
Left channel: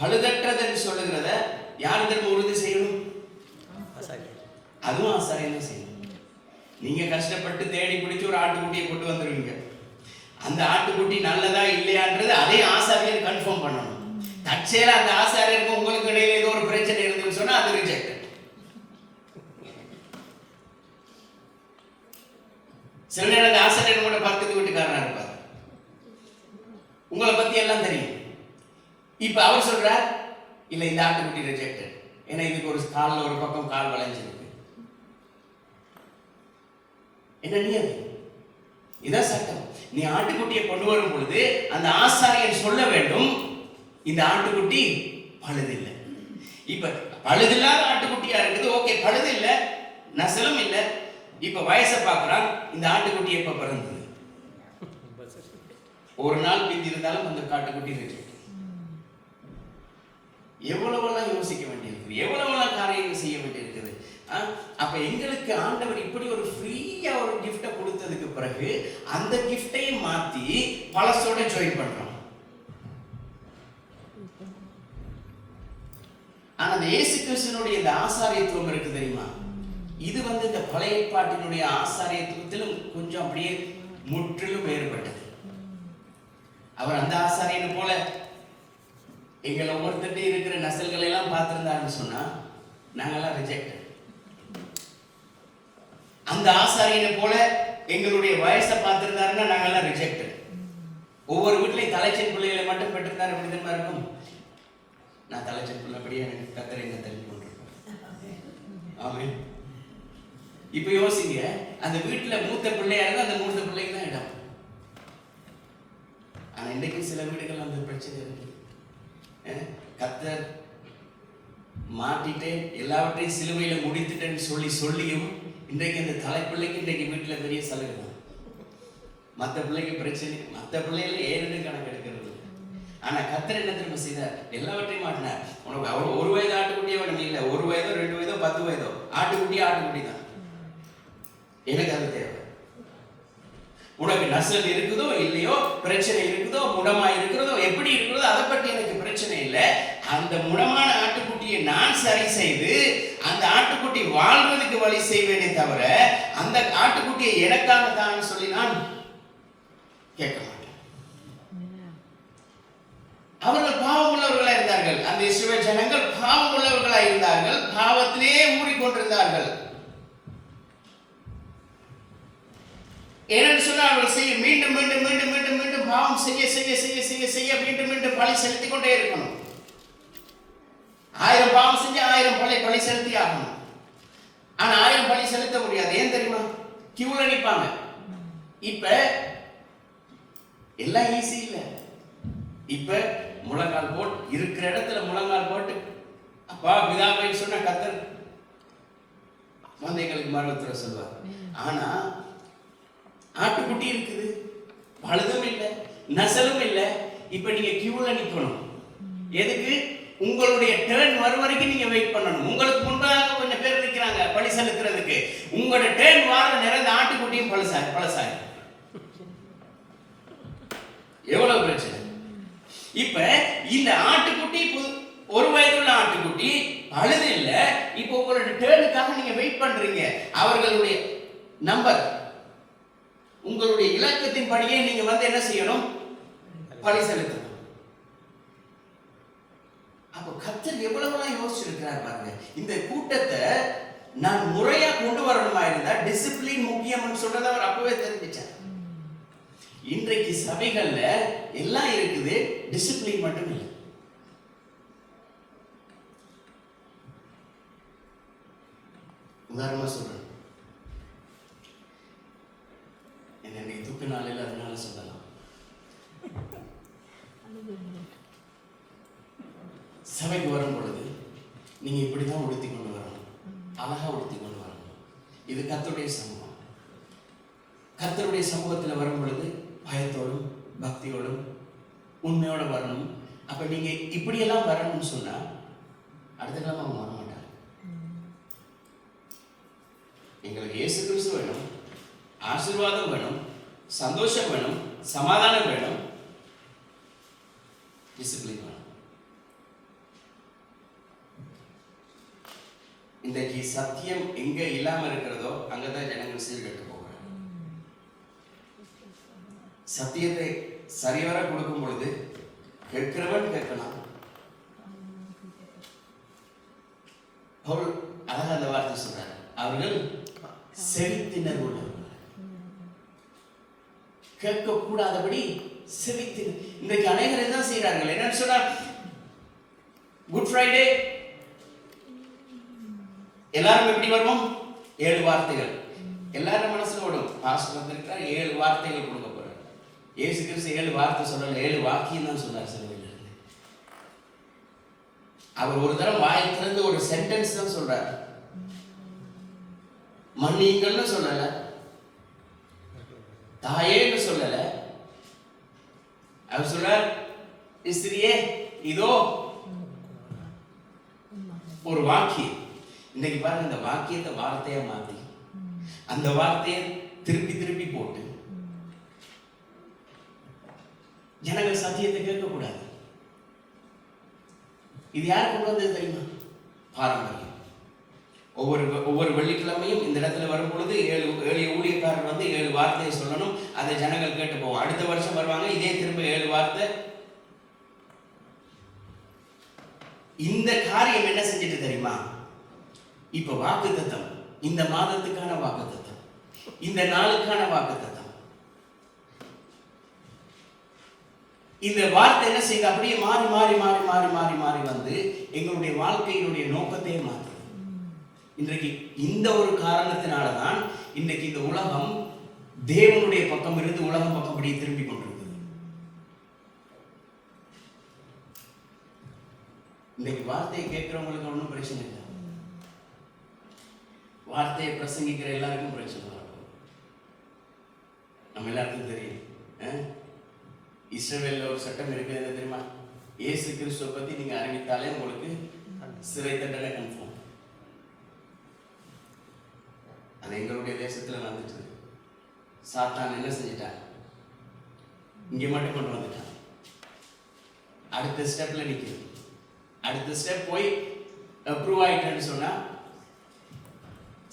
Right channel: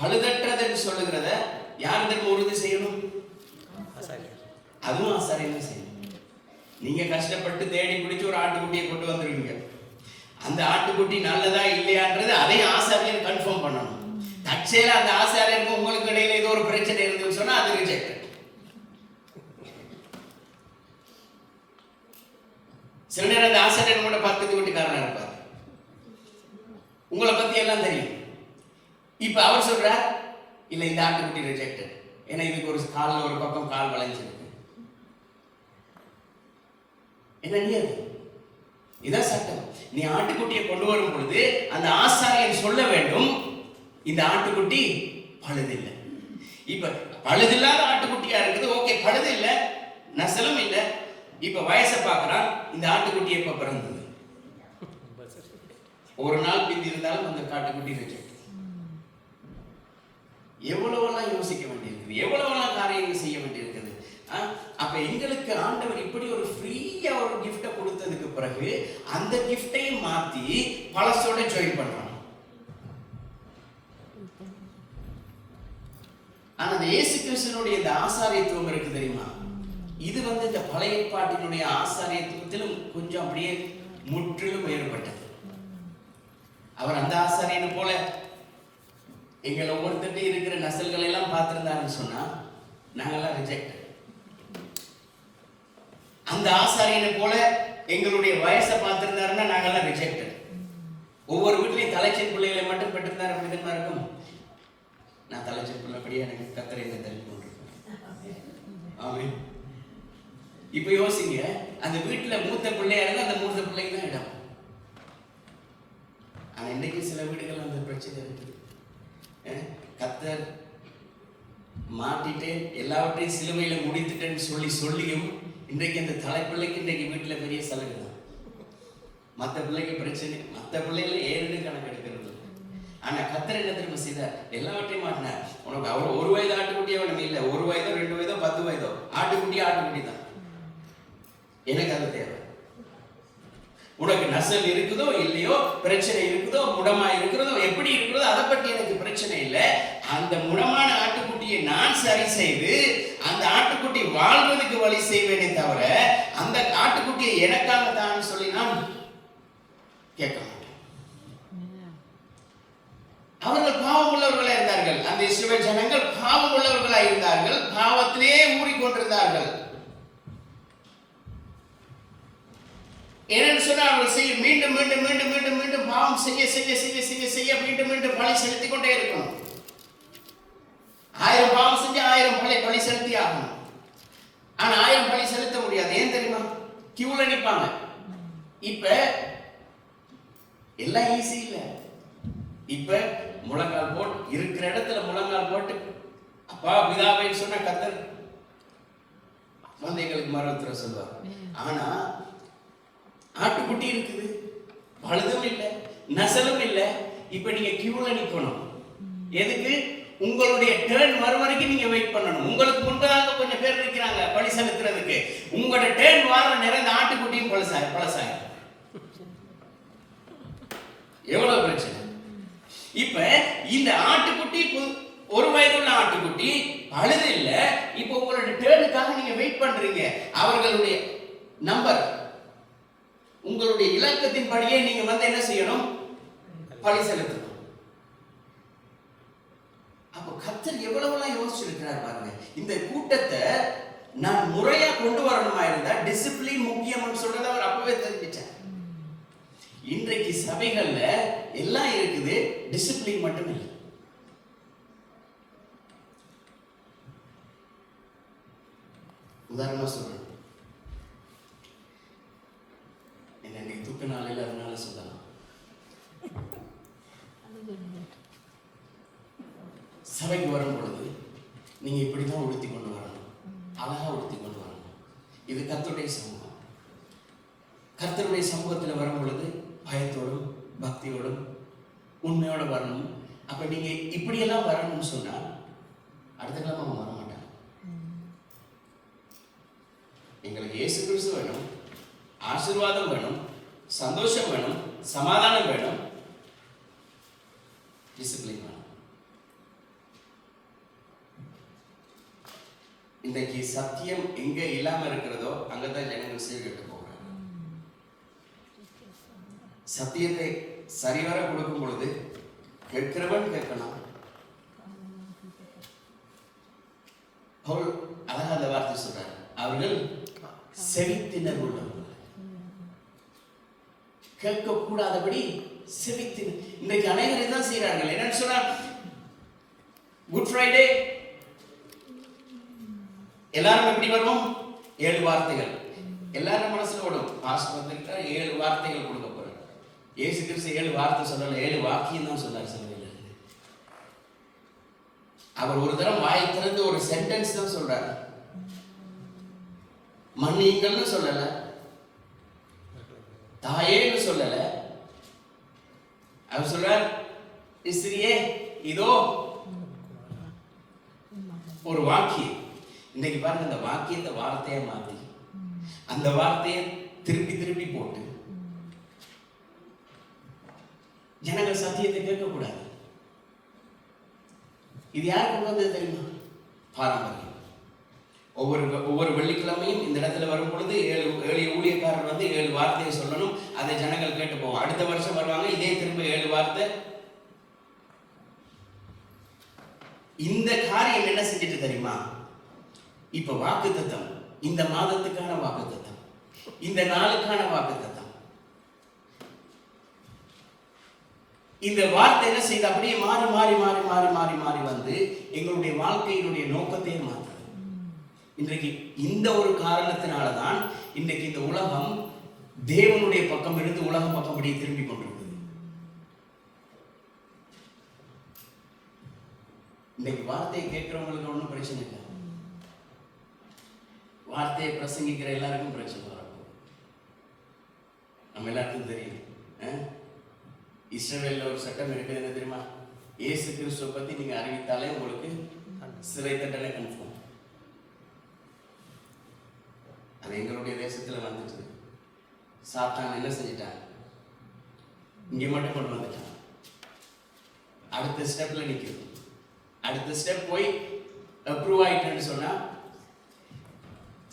பழுதற்றதுன்னு சொல்லுகிறத யாருக்கு உறுதி செய்யணும்? அதுவும் ஆசாரியன் செய்யணும். நீங்க கஷ்டப்பட்டு தேடி பிடிச்சு ஒரு ஆட்டுக்குட்டியை கொண்டு வந்துருவீங்க. அந்த ஆட்டுக்குட்டி நல்லதா இல்லையான்றது அதை ஆசாரியன் கன்ஃபார்ம் பண்ணணும். தற்செயலா அந்த ஆசாரியருக்கு உங்களுக்கு இடையில ஏதோ ஒரு பிரச்சனை இருக்குன்னு சொன்னா அது ரிஜெக்ட். சில நேரம் அந்த ஆசாரியர் கூட பக்கத்து வீட்டுக்காரனா இருப்பார், உங்களை பத்தி எல்லாம் தெரியும். இப்ப அவர் சொல்றார், இல்ல இந்த ஆட்டுக்குட்டி ரிஜெக்டட், ஏன்னா இதுக்கு ஒரு காலில் ஒரு பக்கம் கால் வளைஞ்சிருக்கு. என்ன நீ அது? இதான் சட்டம். நீ ஆட்டுக்குட்டியை கொண்டு வரும் பொழுது அந்த ஆசாரியன் சொல்ல வேண்டும், இந்த ஆட்டுக்குட்டி பழுதில்லை. இப்ப பழுதில்லாத ஆட்டுக்குட்டியா இருக்குது, ஓகே, பழுது இல்லை, நசலும் இல்லை. இப்ப வயசை பார்க்கிறான், இந்த ஆட்டுக்குட்டி எப்ப பிறந்தது? ஒரு நாள் பிந்தி இருந்தாலும் அந்த ஆட்டுக்குட்டி இருக்கு. எவ்வளவெல்லாம் யோசிக்க வேண்டியிருக்குது, எவ்வளவெல்லாம் காரியங்கள் செய்ய வேண்டியிருக்குது. அப்ப எங்களுக்கு ஆண்டவர் இப்படி ஒரு ஃப்ரீயா ஒரு கிஃப்ட கொடுத்ததுக்கு பிறகு அந்த கிஃப்டையும் மாத்தி பழசோட ஜாயின் பண்றோம். ஆனா அந்த இயேசு கிறிஸ்துவினுடைய இந்த ஆசாரியத்துவம் இருக்கு தெரியுமா? இது இந்த பழைய ஏற்பாட்டினுடைய ஆசாரியத்துவத்திலும் கொஞ்சம் அப்படியே முற்றிலும் வேறுபட்டது. அவர் அந்த ஆசாரியனை போல எங்களை ஒவ்வொருத்தட்டே இருக்கிற நசல்களை எல்லாம் பார்த்திருந்தாருன்னு சொன்னா நாங்கெல்லாம் ரிஜெக்ட். அந்த ஆசாரியனை போல எங்களுடைய வயசை பார்த்திருந்தாருன்னா நாங்கெல்லாம் ரிஜெக்ட். ஒவ்வொரு வீட்லயும் தலைச்சல் பிள்ளைகளை மட்டும் பெற்றிருந்தாரு அப்படிதான் இருக்கும். நான் தலைச்சல் பிள்ளைப்படியா எனக்கு கத்தரை என்ன தள்ளி கொண்டிருக்கேன். ஆமென். இப்ப யோசிங்க, அந்த வீட்டுல மூத்த பிள்ளையா இருந்தா அந்த மூத்த பிள்ளைக்கு தான் இடம். ஆனா இன்னைக்கு சில வீடுகள் அந்த பிரச்சனை இருக்கு. கத்தர் மாட்டிட்டு எல்லாவற்றையும் சிலுவையில முடித்துட்டேன்னு சொல்லியும் இன்றைக்கு அந்த தலைப்பிள்ளைக்கு இன்றைக்கு வீட்டுல பெரிய சலுகை தான். மற்ற பிள்ளைக்கு பிரச்சனை, மற்ற பிள்ளைகளை ஏழு கணக்கு எடுக்கிறது. ஆனா கத்தர் என்ன திரும்ப செய்தார்? எல்லாவற்றையும் மாட்டினார். உனக்கு அவ்வளவு ஒரு வயது ஆட்டுக்குட்டியே வேணும் இல்லை, 1 வயதோ 2 வயதோ 10 வயதோ ஆட்டுக்குட்டி தான். எனக்கு அது தேவை. உனக்கு நசல் இருக்குதோ இல்லையோ, பிரச்சனை இருக்குதோ, முடமா இருக்கிறதோ, எப்படி இருக்கிறதோ, அதை பற்றி எனக்கு பிரச்சனை இல்லை. அந்த முடமான ஆட்டுக்குட்டியை நான் சரி செய்து அந்த ஆட்டுக்குட்டி வாழ்வதற்கு வழி செய்வேனே தவிர அந்த ஆட்டுக்குட்டியை எனக்காக தான் சொல்லி நான் கேட்க மாட்டேன். அவர்கள் பாவம் உள்ளவர்களா இருந்தார்கள். அந்த இஸ்ரவேல் ஜனங்கள் பாவம் உள்ளவர்களா இருந்தார்கள், பாவத்திலே ஊறிக்கொண்டிருந்தார்கள். ஏன்னு சொன்னா அவர்கள் செய்ய மீண்டும் மீண்டும் மீண்டும் மீண்டும் மீண்டும் பாவம் செய்ய செய்ய செய்ய செய்ய செய்ய மீண்டும் மீண்டும் பழி செலுத்திக் கொண்டே இருக்கணும். 1000 பாவம் செஞ்சு 1000 பழி செலுத்தி ஆகணும். ஆனா 1000 பழி செலுத்த முடியாது. ஏன் தெரியுமா? கியூல நிப்பாங்க. இப்ப எல்லாம் ஈஸி இல்ல. இப்ப முழங்கால் போட்டு இருக்கிற இடத்துல முழங்கால் போட்டு அப்பா பிதாவை சொன்ன கர்த்தர் எங்களுக்கு மரணத்துல சொல்லுவார். ஆனா ஆட்டுக்குட்டி இருக்குது, பழுதும் இல்லை, நசலும் இல்லை. இப்ப நீங்க கியூல நிக்கணும். எதுக்கு? உங்களுடைய டர்ன் வரும் வரைக்கும் நீங்க வெயிட் பண்ணணும். உங்களுக்கு முன்பாக கொஞ்சம் பேர் நிற்கிறாங்க பழி செலுத்துறதுக்கு. உங்களோட டர்ன் வர நேரம் ஆட்டுக்குட்டியும் பழசாய் எவ்வளவு பிரச்சனை. இப்ப இந்த ஆட்டுக்குட்டி 1 வயதுள்ள ஆட்டுக்குட்டி பழுது இல்ல. இப்ப உங்களோட டர்னுக்காக நீங்க வெயிட் பண்றீங்க. அவர்களுடைய நம்பர், உங்களுடைய இலக்கத்தின் படியே நீங்க என்ன செய்யணும்? பழி செலுத்தணும். அப்போ கர்த்தர் எவ்வளவு யோசிச்சிருக்கிறார் பாருங்க. இந்த கூட்டத்தை நான் முறையா கொண்டு வரணுமா இருந்தா டிசிப்ளின் முக்கியம் சொல்றத அவர் அப்பவே தெரிஞ்சிச்சார். இன்றைக்கு சபைகள்ல எல்லாம் இருக்குது, டிசிப்ளின் மட்டும் இல்லை. உதாரணமா சொல்றேன், என்ன துக்க நாளில் அதனால சொல்லலாம். சபைக்கு வரும் பொழுது நீங்க இப்படிதான் உடுத்தி கொண்டு வரணும், அழகா உடுத்தி கொண்டு வரணும். இது கர்த்தருடைய சமூகம். கர்த்தருடைய சமூகத்தில் வரும் பொழுது பயத்தோடும் பக்தியோடும் உண்மையோட வரணும். அப்ப நீங்க இப்படியெல்லாம் வரணும்னு சொன்னா அடுத்த கிழமை அவங்க வர மாட்டாங்க. எங்களுக்கு இயேசு கிறிஸ்து வேணும், ஆசீர்வாதம் வேணும், சந்தோஷம் வேணும், சமாதானம் வேணும், டிசிப்ளின் வேணும். இன்றைக்கு சத்தியம் எங்க இல்லாம இருக்கிறதோ அங்கதான் ஜனங்கள் சீர்கெட்டு போகிறாங்க. சத்தியத்தை சரிவர கொடுக்கும் பொழுது கேட்கிறவன் கேட்கணும். அழகாக அந்த வார்த்தை சொல்றாரு, அவர்கள் செவித்தினர் உள்ளவர்கள், கேட்கக்கூடாதபடி செவித்தினர். இன்றைக்கு அனைவரும் தான் செய்யறாங்க. என்னன்னு சொல்றார், குட் ஃப்ரைடே எல்லாரும் எப்படி வரணும், 7 வார்த்தைகள் எல்லாரும் மனசுல ஓடும். பாஸ்டர் இருக்கிறார், 7 வார்த்தைகள் கொடுக்க போறார். இயேசு கிறிஸ்து 7 வார்த்தை சொல்லல, 7 வாக்கியம் தான் சொன்னார். சில அவர் ஒரு தரம் வாய் திறந்து ஒரு சென்டென்ஸ் தான் சொல்றாரு. மன்னிங்கள்னு சொல்லல, தாயேன்னு சொல்லல. அவர் சொல்றார், ஸ்திரியே இதோ ஒரு வாக்கியம். இன்னைக்கு பாருங்க, இந்த வாக்கியத்தை வார்த்தையா மாத்தி அந்த வார்த்தையை திருப்பி திருப்பி போட்டு ஜனங்கள் சத்தியத்தை கேட்கக்கூடாது. இது யார் கொண்டு வந்தது தெரியுமா? பாரம்பரியம். ஒவ்வொரு வெள்ளிக்கிழமையும் இந்த இடத்துல வரும் பொழுது 7 ஊழியக்காரர் வந்து 7 வார்த்தையை சொல்லணும். அதை ஜனங்கள் கேட்டு போவோம். அடுத்த வருஷம் வருவாங்க, இதே திரும்ப 7 வார்த்தை. இந்த காரியம் என்ன செஞ்சுட்டு தெரியுமா? இப்ப வாக்குத்தத்தம், இந்த மாதத்துக்கான வாக்குத்தத்தம், இந்த நாளுக்கான வாக்குத்தத்தம், இந்த வார்த்தை என்ன செய்யுது? அப்படியே மாறி மாறி மாறி மாறி மாறி மாறி வந்து எங்களுடைய வாழ்க்கையினுடைய நோக்கத்தையே மாற்றுது. இன்றைக்கு இந்த ஒரு காரணத்தினாலதான் இன்னைக்கு இந்த உலகம் தேவனுடைய பக்கம் இருந்து உலகம் பக்கம் அப்படியே திரும்பி கொண்டிருக்கு. இன்னைக்கு வார்த்தையை கேட்கிறவங்களுக்கு ஒன்றும் பிரச்சனை இல்லை, வார்த்தையை பிரசங்கிக்கிற எல்லாருக்கும் பிரச்சனை வரும். நம்ம எல்லாருக்கும் தெரியும், இஸ்ரவேல்ல ஒரு சட்டம் இருக்குது, என்ன தெரியுமா? இயேசு கிறிஸ்துவை பத்தி நீங்க அறிவித்தாலே உங்களுக்கு சிறை தண்டனை கன்ஃபார்ம். அது எங்களுடைய தேசத்துல நடந்துச்சு. சாத்தான் என்ன செஞ்சிட்டான்? இங்க மட்டும் கொண்டு வந்துட்டான். அடுத்த ஸ்டெப்ல நிக்குது. அடுத்த ஸ்டெப் போய் அப்ரூவ் ஆயிட்டேன்னு சொன்னா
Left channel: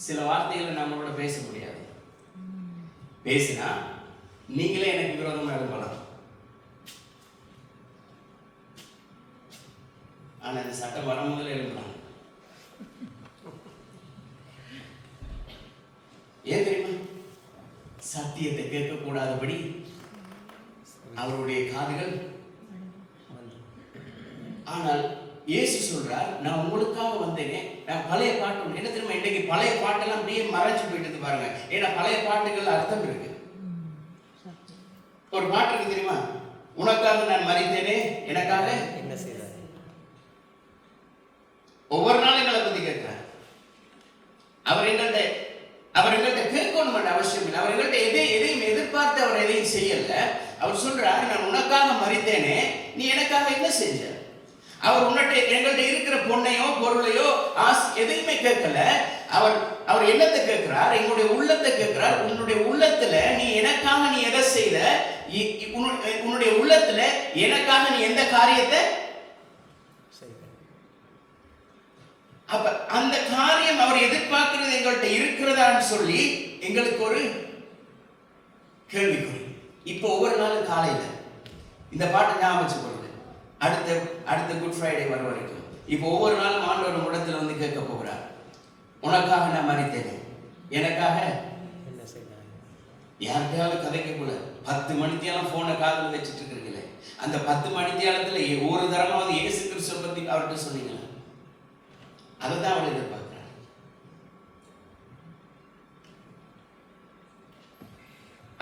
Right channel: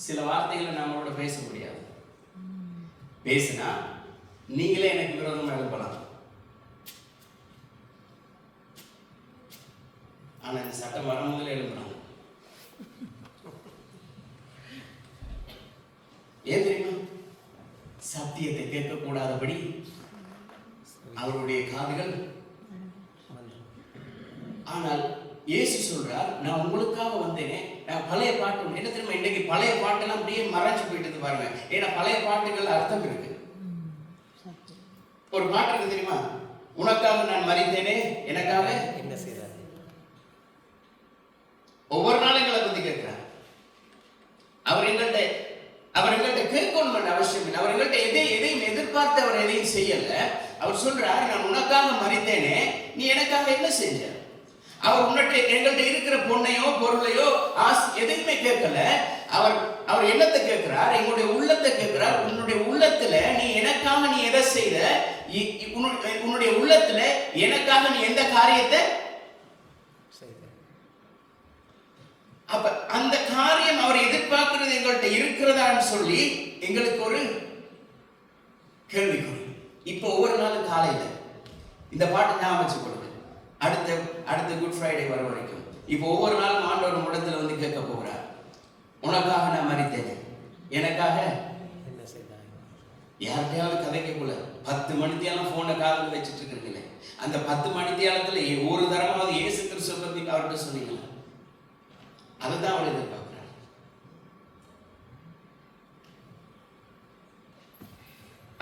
சில வார்த்தைகளை நம்மளோட பேச முடியாது. பேசினா நீங்களே எனக்கு விரோதமாக எழுப்பலாம். ஆனா இந்த சட்டம் வர முதல்ல எழுப்புறாங்க. ஏன் தெரியுமா? சத்தியத்தை கேட்கக்கூடாதபடி அவருடைய காதுகள். ஆனால் இயேசு சொல்றார், நான் உங்களுக்காக வந்தேனே. நான் பழைய பாட்டு என்ன தெரியுமா? இன்னைக்கு பழைய பாட்டெல்லாம் அப்படியே மறைஞ்சு போயிட்டு பாருங்க. ஏன்னா பழைய பாட்டுகள் அர்த்தம் இருக்கு. ஒரு பாட்டு இருக்கு தெரியுமா? உனக்காக நான் மறித்தேனே, எனக்காக என்ன செய்தார்? ஒவ்வொரு நாளும் எங்களை பத்தி கேட்கிறார். அவர் எங்கள்கிட்ட கேட்கணும் பண்ண அவசியம் இல்லை. அவர் எங்கள்கிட்ட எதையும் எதிர்பார்த்து அவர் எதையும் செய்யல. அவர் சொல்றார், நான் உனக்காக மறித்தேனே, நீ எனக்காக என்ன செஞ்ச? அவர் எங்கள்கிட்ட இருக்கிற பொண்ணையோ பொருளையோ எதையுமே கேட்கல. அவர் என்னத்தை கேட்கிறார்? எங்களுடைய உள்ளத்தை கேட்கிறார். உன்னுடைய உள்ளத்துல நீ எனக்காக நீ எதை செய்த? உன்னுடைய உள்ளத்துல எனக்காக நீ எந்த காரியத்தை? அப்ப அந்த காரியம் அவர் எதிர்பார்க்கிறது எங்கள்கிட்ட இருக்கிறதான்னு சொல்லி எங்களுக்கு ஒரு கேள்விக்குறி. இப்போ ஒவ்வொரு நாளும் காலையில இந்த பாட்டு ஞாபகம் வச்சுக்கொள்ளுங்க. அடுத்த குட் ஃப்ரைடே வரும் வரைக்கும் இப்போ ஒவ்வொரு நாளும் ஆண்டவர் முடத்தில் வந்து கேட்க போகிறார், உனக்காக நான் மறித்தேன், எனக்காக என்ன செய்தார்? யார்கிட்டயாவது கதைக்க கூடாது. 10 மணித்தியாலம் போனை காதில் வச்சுட்டு இருக்கீங்களே, அந்த 10 மணித்தியாலத்துல ஒரு தரமாவது இயேசு கிறிஸ்துவை பத்தி அவர்கிட்ட சொன்னீங்களா? அதுதான் அவர் எதிர்பார்க்கிறார்.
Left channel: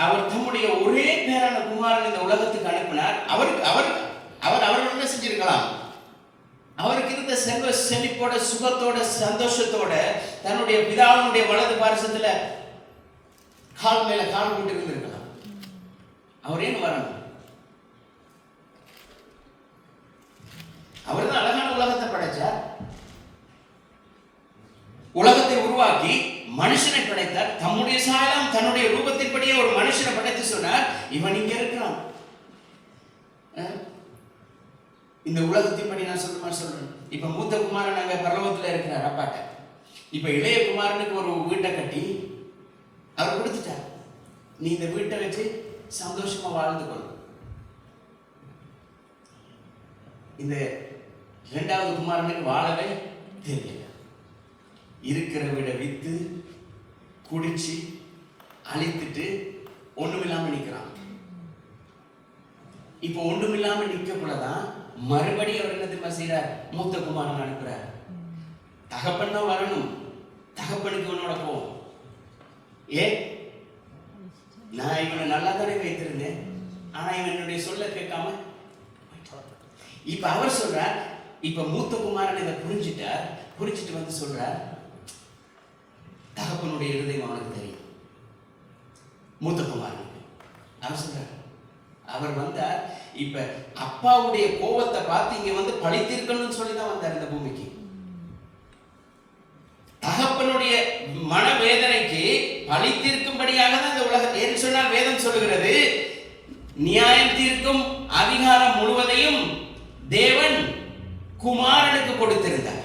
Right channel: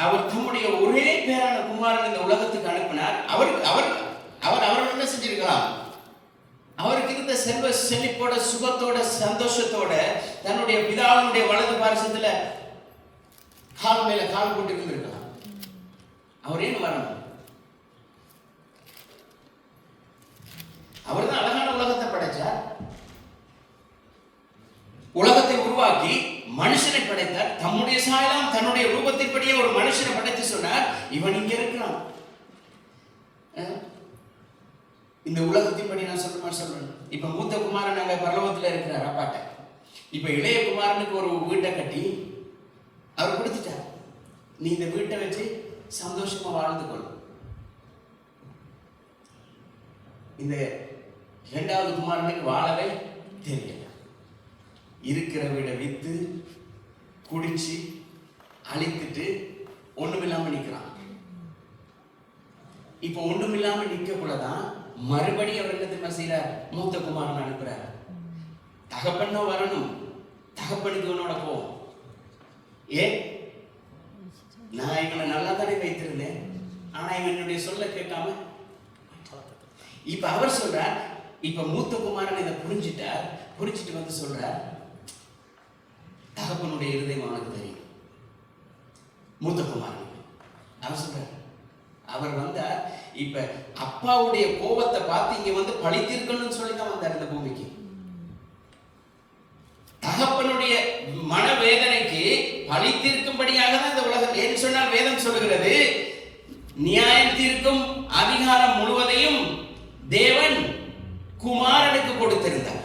அவர் தம்முடைய ஒரே பேரான குமாரன் இந்த உலகத்துக்கு அனுப்பினார். அவர் என்ன செஞ்சிருக்கலாம்? அவருக்கு இருந்த செல்வ செழிப்போட, சுகத்தோட, சந்தோஷத்தோட தன்னுடைய பிதாவுடைய வலது பாரசத்துல கால் மேல கால் போட்டு இருந்திருக்கலாம். அவர் ஏன் வரணும்? அவர் தான் அழகான உலகத்தை படைச்சார். உலகத்தை உருவாக்கி மனுஷனை படைத்தார். தம்முடைய சாயலாம் தன்னுடைய ரூபத்தின்படியே ஒரு மனுஷனை படைத்து சொன்னார், இவன் இங்க இருக்கிறான். இந்த உலகத்தின்படி நான் சொல்றேன். இப்ப மூத்த குமாரன் அங்க பரலோகத்துல இருக்கிறார் அப்பாட்ட. இப்ப இளைய குமாரனுக்கு ஒரு வீட்டை கட்டி அவர் கொடுத்துட்டார். நீ இந்த வீட்டை வச்சு சந்தோஷமா வாழ்ந்து கொள். இந்த இரண்டாவது குமாரனுக்கு வாழவே தெரியல. இருக்கிற வீட வித்து குடிச்சு அழித்துட்டு ஒண்ணுமில்லாம நிற்கிறான். இப்ப ஒண்ணுமில்லாம நிற்கக்குள்ளதான் மறுபடியும் அவர் என்ன தெரியுமா செய்யறார்? மூத்த குமாரன் அனுப்புறார். தகப்பனோ வரணும், தகப்பனுக்கு இவனோட போ. நான் இவனை நல்லா தானே வைத்திருந்தேன், ஆனா இவன் என்னுடைய சொல்ல கேட்காம. இப்ப அவர் சொல்றார், இப்ப மூத்த குமாரன் இதை புரிஞ்சுட்டார். புரிஞ்சுட்டு வந்து சொல்றார், தகப்பனுடைய இருதயம் அவனுக்கு தெரியும். மூத்த குமாரன் அவர் சொல்றார், அவர் வந்தார். இப்ப அப்பாவுடைய கோபத்தை பார்த்து இங்க வந்து பழி தீர்க்கணும்னு சொல்லிதான் வந்தார் இந்த பூமிக்கு. தகப்பனுடைய மனவேதனைக்கு பழி தீர்க்கும்படியாக தான் இந்த உலகம். ஏன்னு சொன்னால் வேதம் சொல்லுகிறது, நியாயம் தீர்க்கும் அதிகாரம் முழுவதையும் தேவன் குமாரனுக்கு கொடுத்திருந்தார்.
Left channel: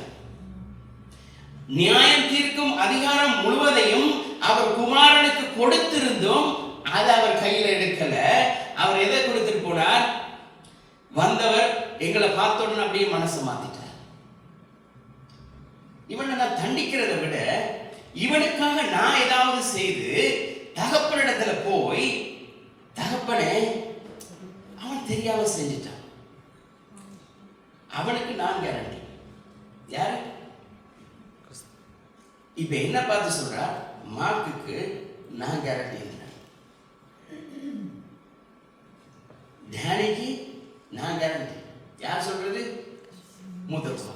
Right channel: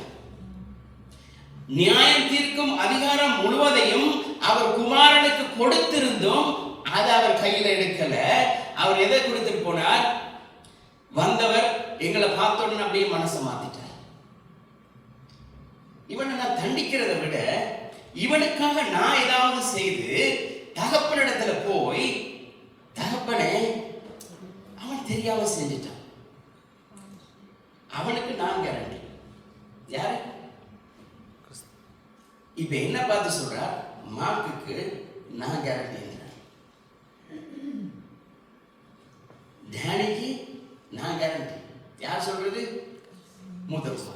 நியாயம் தீர்க்கும் அதிகாரம் முழுவதையும் அவர் குமாரனுக்கு கொடுத்திருந்தும் அதை அவர் கையில எடுக்கல. அவர் எதை கொடுத்துட்டு போனார்? வந்தவர் எங்களை பார்த்தோன்னு அப்படியே மனசை மாத்திட்டார். இவனை நான் தண்டிக்கிறத விட இவனுக்காக நான் ஏதாவது செய்து தகப்பனிடத்துல போய், தகப்பனை அவன் தெரியாம செஞ்சுட்டான், அவனுக்கு நான் கேரண்டி. யாரு? இப்ப என்ன பார்த்து சொல்றார்? மார்க்குக்கு நான் கேரண்டி, டேனிக்கு நான் கேரண்டி. யார் சொல்றது? மூத்த குமாரன்.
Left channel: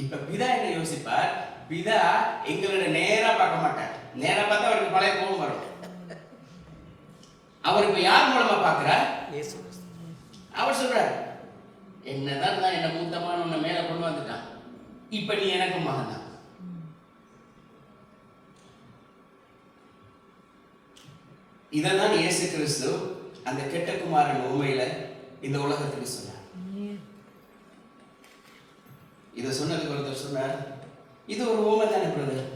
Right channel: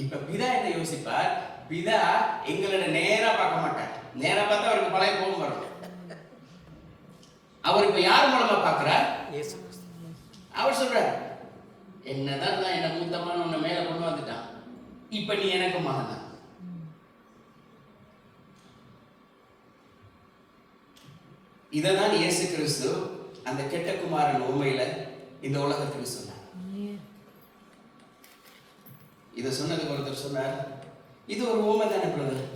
இப்ப பிதா என்ன யோசிப்பார்? பிதா எங்களோட நேரா பார்க்க மாட்டார். நேரா பார்த்தா அவருக்கு பழைய கோபம் வரும். அவர் இப்ப யார் மூலமா பார்க்கிறார்? அவர் சொல்றார், என்னதான் நான் என்ன மூத்தமான உன்னை மேல கொண்டு வந்துட்டான், இப்ப நீ எனக்கு மகன் தான். இதான் இயேசு கிறிஸ்து அந்த கெட்ட குமாரன் உண்மையில இந்த உலகத்துக்கு சொன்னார். இதை சொன்னதுக்கு ஒருத்தர் சொன்னார், இது ஒரு ஊமை தானே பிரதர்,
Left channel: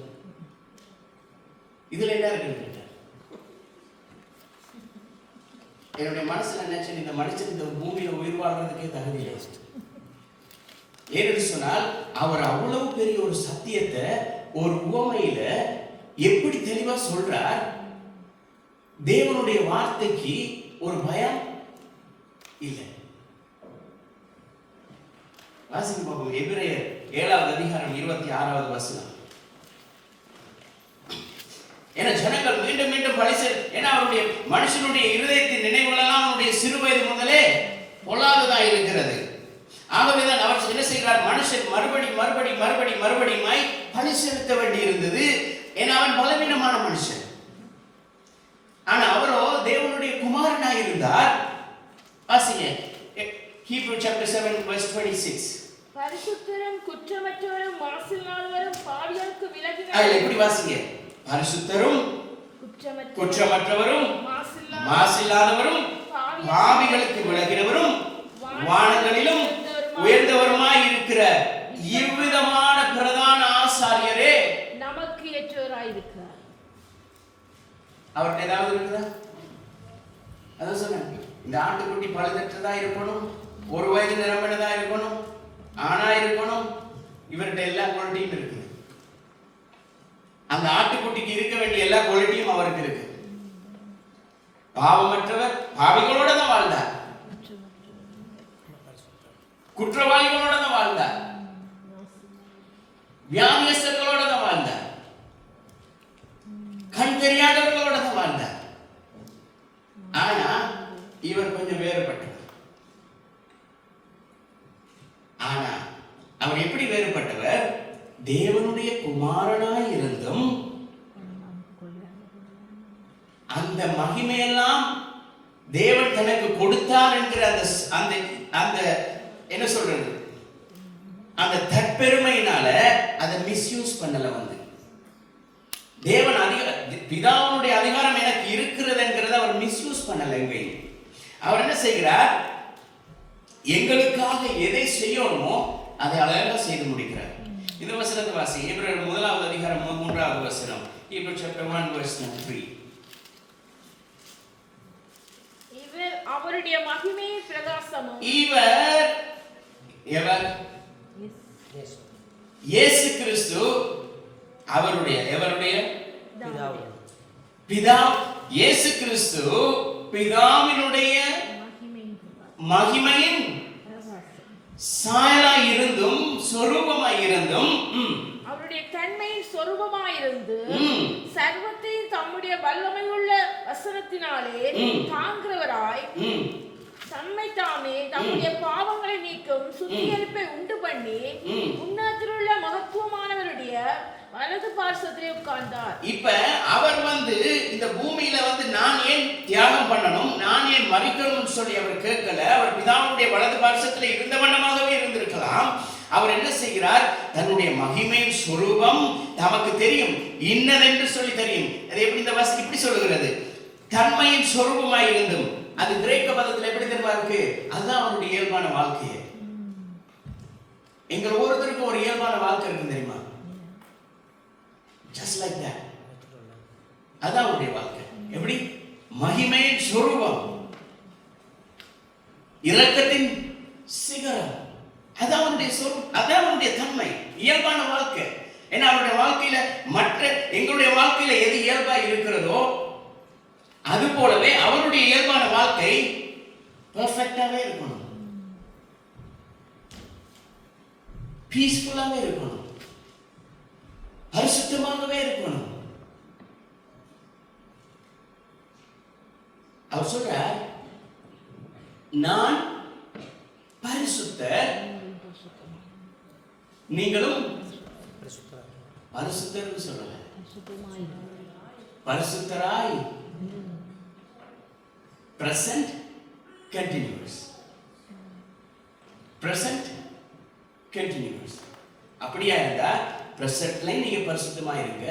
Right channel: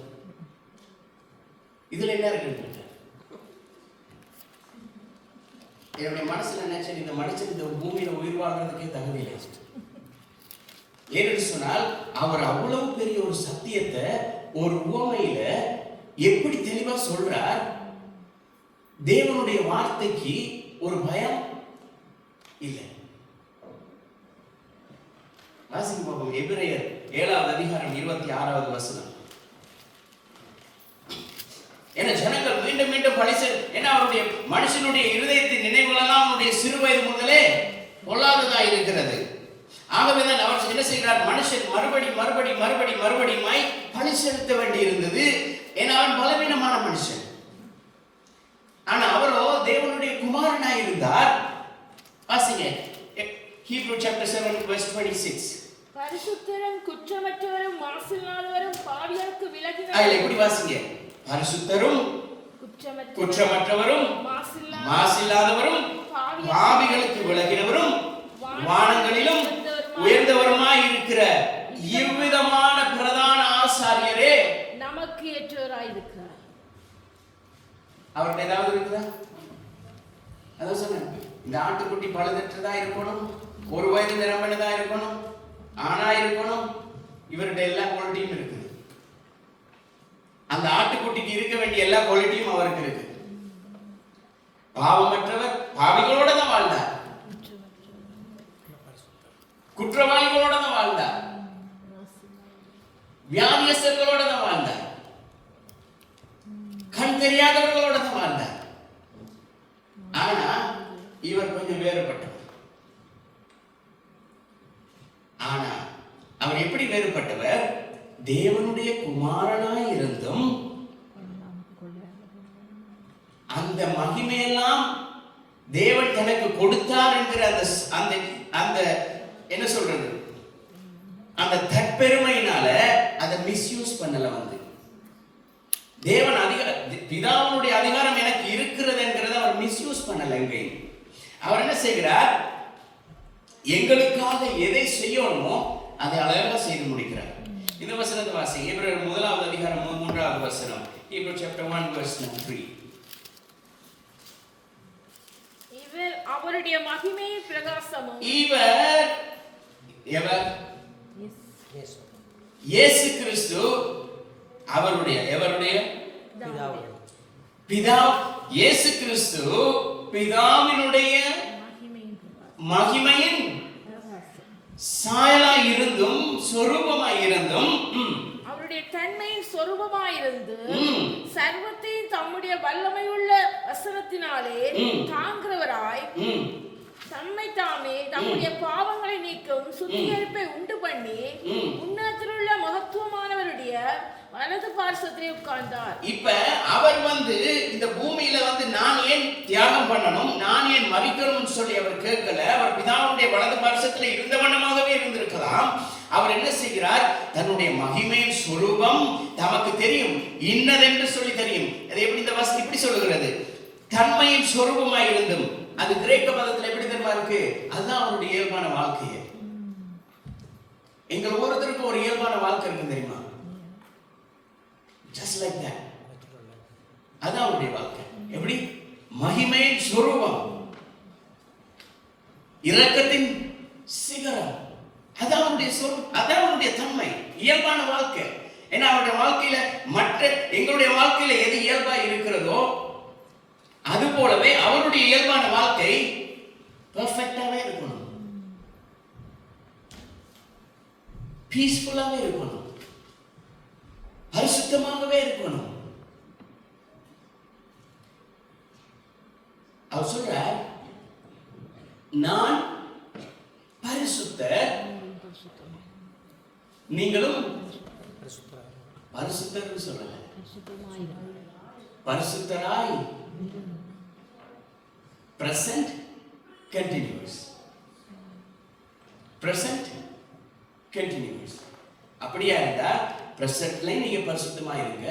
இதுல என்ன இருக்கு? என்னுடைய மனசுல நினைச்சேன், இந்த மனுஷன் இந்த பூமியில உயிர் வாழ்றதுக்கே தகுதி இல்லை. ஏன்னு சொன்னால் அவர் அவ்வளவு பெரிய ஒரு சத்தியத்தை ஒரு உவமையில எப்படி தெளிவா சொல்றார். தேவனுடைய வார்த்தைக்கு ஒரு பயம் இல்லை. வாசிக்க பார்ப்போம். எபிரேயர் 7வது அதிகாரம் 26வது வசனம். ஏன்னா ஜனங்கள் மீண்டும் மீண்டும் பழிசு, ஏன்னா அவருடைய மனுஷனுடைய இருதயத்தின் நினைவுகளெல்லாம் அவருடைய சிறு வயது முதலே பொல்லாததா இருக்கிறது. ஆகவேதான் அவர் என்ன செய்கிறார்? மனுஷன் மறுபடியுமாய் பழி செலுத்த வேண்டி இருந்தது. ஏன்னா அவன் பலவீனமான மனுஷன். ஆனா அவரோ தேவனுடைய குமாரனாய் இருந்தார். வாசிங்க Hebrews chapter 7 verse 26. பரிசுத்தரும் குற்றமற்றவரும் மாசில்லாதவரும் பாவிகளுக்கு விலகினவரும். ஐ எப்படி வாசிங்க? பரிசுத்தரும் குற்றமற்றவரும் மாசில்லாதவரும் பாவிகளுக்கு விலகினவரும் வானங்களிலும் உயர்ந்தவருமாய் இருக்கிற இவ்விதமான பிரதான ஆசாரியரே நமக்கு ஏற்றவராய் இருக்கிறார். அவர்கிட்ட ஏதாவது இருக்குதா? அதான் சொன்னேன், இந்த ஆட்டுக்குட்டி பழுதற்றதா இருக்கணும், ஒரு வயது நிரம்பினதா இருக்கணும், ஆணா இருக்கணும். இவர்கிட்ட எல்லா குவாலிட்டியும் இருக்குது. அந்த ஆட்டுக்குட்டிக்கு இருக்க வேண்டிய எல்லா குவாலிட்டியும் அவருக்கு இருக்கு. பாவமற்றவர் பாவிகளோட தான் வாழ்ந்தார், குற்றவாளிகளோட தான் வாழ்ந்தார், வியாதியஸ்தர்களோட தான் வாழ்ந்தார், கண் தெரியாதவர்களோட தான் வாழ்ந்தார். ஆனா இவர் கொஞ்சம் வேறுபட்டவர். ஆனா அவர் எப்படி வேறுபட்டவர்? தேவனுடைய குமாரனாய் இருந்தும் அந்த மகிமையெல்லாம் தேவன் தனக்கு கொடுத்தார் என்கிற அந்த அந்த என்ன சொல்றது, அந்த தற்பெருமையினால அதை மிஸ்யூஸ் பண்ணல. வந்து தேவன் பிதாவுடைய அதிகாரம் எனக்கு இருக்கிறது என்கிறத அவர் மிஸ்யூஸ் பண்ணல. எங்கேயும் அவர் என்ன செய்கிறார்? எங்களுக்காக எதை செய்யணுமோ அதை அழகாக செய்து முடிக்கிறார். இந்த வசனத்தை வாசி. எபிரேயர் 1வது அதிகாரம் 3வது வசனம். Hebrews chapter 1 verse 3. இவர் அவருடைய மகிமையின் பிரகாசமும். எவர்? இயேசு கிறிஸ்து அவருடைய பிதா. இயேசு கிறிஸ்து பிதாவினுடைய மகிமையின் சாயலாய் இருந்தும் சொரூபமாய் இருந்தும் அவருடைய தன்மையின் சொரூபமாய் இருந்து சர்வத்தையும் தம்முடைய வல்லமையுள்ள வசனத்தினாலே தாங்குகிறவராய் தம்மை தாமே தம்முடைய பாவங்களை நீக்கும் சுத்திகரிப்பை உண்டு பண்ணி உன்னதத்திலுள்ள மகத்துவமானவருடைய வலது பார்சத்திலே உட்கார்ந்தார். இப்ப அவர் வந்து இந்த பூமியில வந்து நான் ஏன் தியாகம் பண்ணணும், நான் ஏன் மரிக்கணும்னு சொல்லி அவர் கேட்கல. அவர் பிதாவுடைய வலது பார்சத்திலே இருந்த வண்ணமாகவே இருந்திருக்கலாம். அவர் என்ன செய்கிறார்? தன்னுடைய மகிமையின் சுரூபம் நமக்கு தெரியும், இன்னதென்று சொல்லி தெரியும். அது எப்படி இந்த வசனம் இப்படி சொல்லுகிறது? தன்மையின் சொரூபமாய் இருந்தும். அது கிரேக்க பதத்தில் எப்படி தெரியுமா இருக்கு? அதுதான் அவருடைய இயல்பான வாழ்க்கை. எங்கள் ஒவ்வொருத்தருக்கும் ஒரு இயல்பான வாழ்க்கை இருக்கு தெரியுமா? Just like that. அதான் அவருடைய வாழ்க்கை. எப்படி? மகிமையின் சொரூபம், இரக்கத்தின் சிகரம். அதான் அவருடைய சொரூபம், அதான் அவருடைய தன்மை, இயல்பான வாழ்க்கை. ஏன்னா அவருடைய வாழ்க்கையில மற்ற எங்களுடைய வாழ்க்கையில எது இயல்பா இருக்கிறதோ அது போலவே அவருடைய இயல்பான வாழ்க்கை பெர்ஃபெக்ட்டாவே இருக்கணும், பீஸ்ஃபுல்லாவே இருக்கணும், பரிசுத்தமாகவே இருக்கணும். அவர் சொல்றார், நான் பரிசுத்தர், நீங்களும் பரிசுத்தர் சொல்லல, பரிசுத்தராய். present continuous, present continuous. அப்படியா இருந்தா பிரசன்ட்ல நீங்க பரிசுத்தமாய் இருங்க.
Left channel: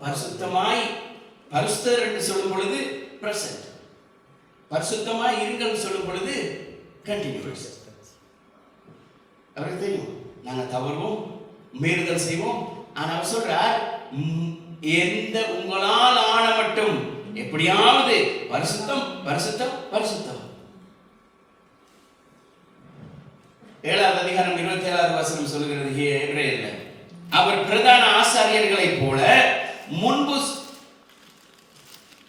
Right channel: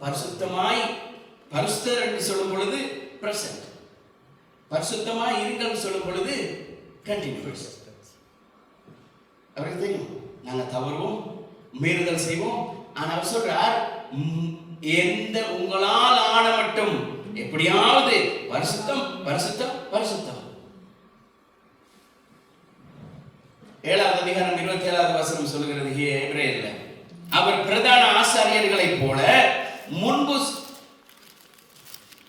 பரிசுத்தமாய், பரிசுத்தர் என்று சொல்லும் பொழுது பிரசன்ட், பரிசுத்தமாய் இருங்கன்னு சொல்லும் பொழுது கண்டினியூஸ். அவருக்கு தெரியும் நாங்க தவறுவோம், மீறுதல் செய்வோம். ஆனா அவர் சொல்றார், எந்த உங்களால் ஆன மட்டும் எப்படியாவது பரிசுத்தம் பரிசுத்தம் பரிசுத்தம். 7வது அதிகாரம் 27வது வசனம் சொல்கிறது எபிரேயர்ல, அவர் பிரதான ஆசாரியர்களைப் போல முன்பு.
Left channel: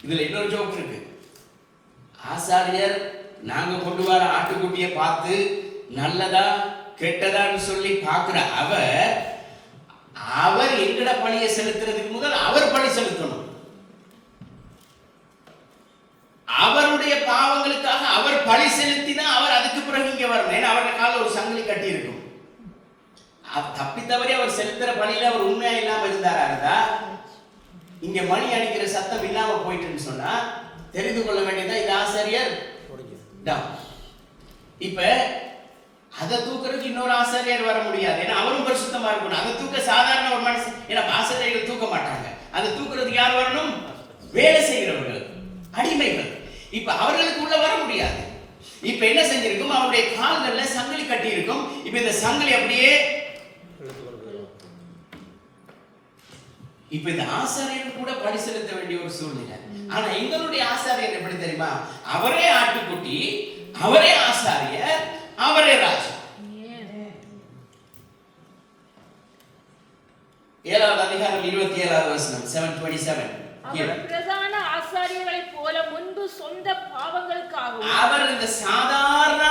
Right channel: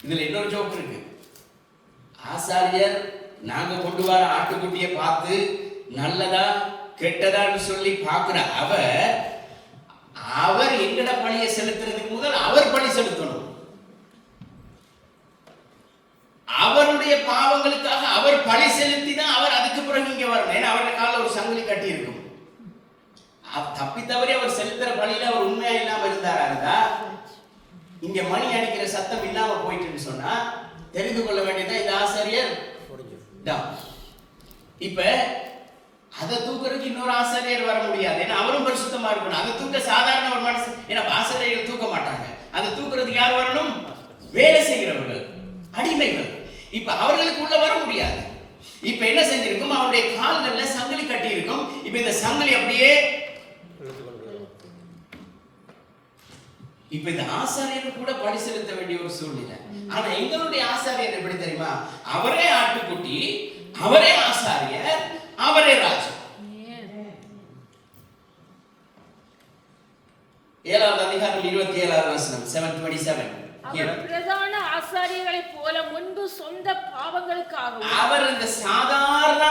இதுல இன்னொரு ஜோக் இருக்கு. ஆசாரியர் நாங்க கொண்டு வர ஆட்டுக்குட்டியை பார்த்து நல்லதா கெட்டதான்னு சொல்லி பார்க்கிற அவர் எங்கட பணியை செலுத்துறதுக்கு முதல் அவர் பணி செலுத்தணும். அவருடைய பாவங்களுக்காக அவர் பழி செலுத்தி தான் அவர் அதுக்கு பிறகு இங்க வரணும். ஏன்னா அவருடைய கால ஒரு சங்கிலி கட்டி இருக்கும். தப்பி தவறி அவர் செலுத்துற பணியில அவர் உண்மையா இல்லாம இருந்தாரா, இங்க மணி அடிக்கிற சத்தம் இல்லாம போயிட்டுன்னு சொன்னா தெரிந்து கொள்ள வேண்டியதான் இந்த ஆசாரியர். இப்ப அதை தூக்குறதுக்கு இன்னொரு ஆசாரியர் வர முடியாது. ஏன்னா அவரும் பரிசுத்தமா இருக்கணும். அதை தூக்க சாதாரண ஒரு மனுஷன், ஏன்னா ஆசாரியர்கள் தூக்க மாட்டாங்க. அதை தூக்குறதுக்கு யார் வரணும்? வேலை செய்கிறவர்கள், அடிமைகள். இப்ப அவர்களுக்கு உள்ள வர முடியாது. இப்ப என்ன செஞ்சிருக்கும்? அவருடைய கால்கள்ல சங்கிலி கட்டி இருக்கும். இப்ப இந்த சங்கிலி அப்படியே, இப்ப இந்த ஆசாரியர்கள் கூட பணி செலுத்த வேண்டிய ஒரு சூழ்நிலை. ஆனா எங்களுடைய ஆசாரியர் எப்படி தெரியுமா? அவரே ஆட்டுக்குட்டி, அவரே ஆசாரியர், அவரே ராஜா. 7வது அதிகாரம் 27வது வசனம் 7:27. பிரதான ஆசாரியர்களைப் போல முன்பு நிமித்தமாகவும் அவர் இந்த சாதாரண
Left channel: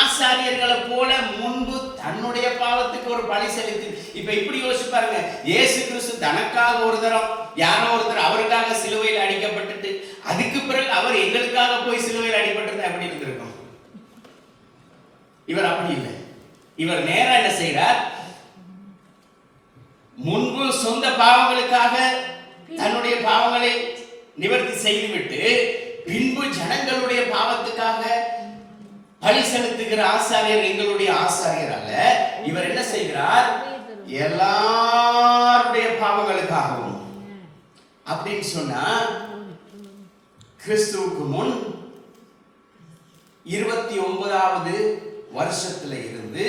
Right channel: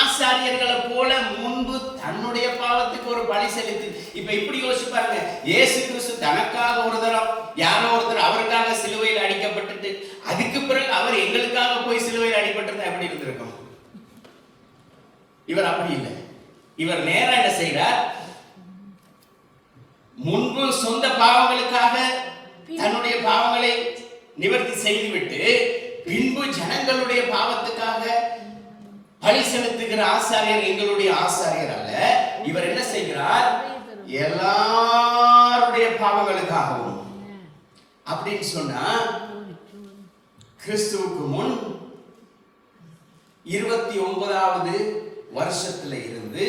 ஆசாரியர்களை போல முன்பு தன்னுடைய பாவத்துக்கு ஒரு பலி செலுத்தி, இப்ப இப்படி யோசிச்சு பாருங்க, இயேசு கிறிஸ்து தனக்காக ஒரு தரம் யாரோ ஒருத்தர் அவருக்காக சிலுவையில் அடிக்கப்பட்டுட்டு அதுக்கு பிறகு அவர் எங்களுக்காக போய் சிலுவையில் அடிபட்டது எப்படி இருந்திருக்கும்? இவர் அப்படி இல்லை. இவர் நேரா என்ன செய்கிறார்? முன்பு சொந்த பாவங்களுக்காக தன்னுடைய பாவங்களை நிவர்த்தி செய்துவிட்டு பின்பு ஜனங்களுடைய பாவத்துக்காக பலி செலுத்துகிற ஆசாரியர் எங்களுடைய ஆசாரியர் அல்ல. இவர் என்ன செய்கிறார்? எல்லாருடைய பாவங்களுக்காகவும். அப்படின்னு சொன்னா கிறிஸ்துவுக்கு முன் 29வது வருஷத்துல இருந்து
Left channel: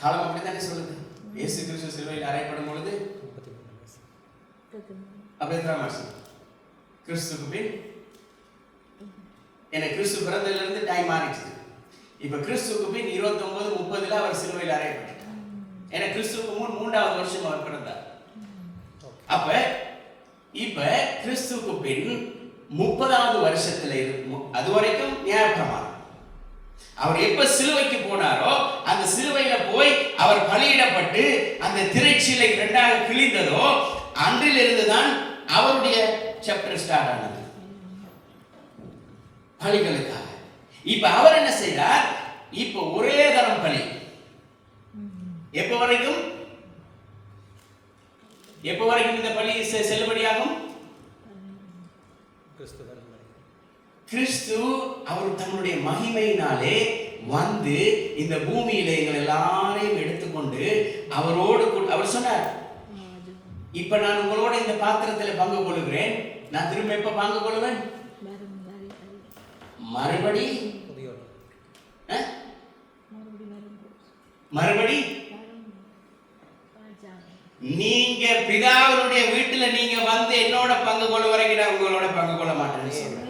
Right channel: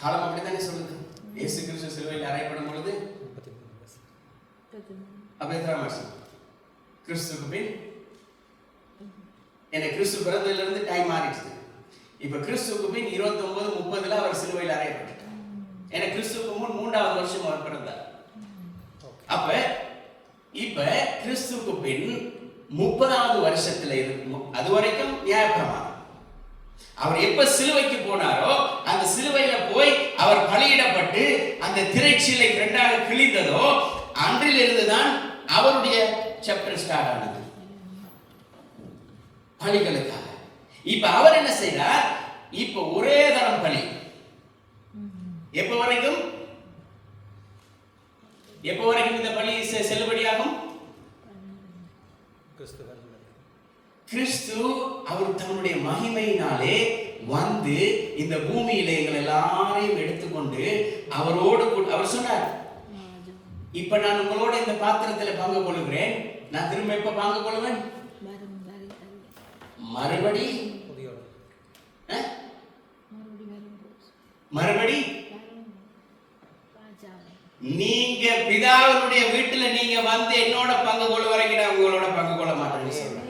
காலம் அப்படித்தானே சொல்லுது. இயேசு கிறிஸ்து சிலுவையில் அறையப்படும் பொழுது அப்படி எத்தனை வருஷம்? கிறிஸ்துவுக்கு பின் எனக்கு கிறிஸ்து பிறந்ததுல இருந்து டைம் மாறிடுச்சு. இப்ப கிறிஸ்துவுக்கு பின் 29-30 அவர் சிலுவையில் அறையப்பட்டார். எனக்கு கிறிஸ்துவுக்கு முன் 3வது வருஷம் அவர் பிறந்தார். அப்ப இப்ப கிறிஸ்துவுக்கு பின் 30வது வருஷத்துல இருக்கும். அது வரைக்கும் நியாயப்பிரமாணம். அவர் எப்ப சிலுவைக்கு போனாரோ அந்த சிலுவையில போய் அவர் பலியிடப்பட்டு அந்த திரைச்சீலை 2ஆக கிழிந்ததோ அன்றில் இருந்துதான் அவருடைய சாப்டர் ஸ்டார்ட் ஆனது பலிகளுக்காக. இப்ப அவர் என்ன செய்றார்? இப்ப ஒரே தரம் பலி. எப்ப வரைக்கும் இந்த பலி செல்லுபடியாகும்? கிறிஸ்து அவர் தன்னுடைய மகிமையினாலே வந்து இந்த பூமியில எங்கள் எல்லாரையும் எடுத்துக்கொண்டு அவரோடு அவர் சொன்னார், இப்ப நான் உங்களோட இந்த பாத்திரத்தில் பங்கு கொள்கிறேன். நான் திரும்ப எப்ப பங்கு கொள்வேன்? மறுபடி நீங்க பிதாவினுடைய வீட்டுல நீங்க வந்து என்னோட பங்கு கொள்ள வரைக்கும் நான் உங்களோட பங்கு கொள்ள மாட்டேன்னு சொல்றேன்.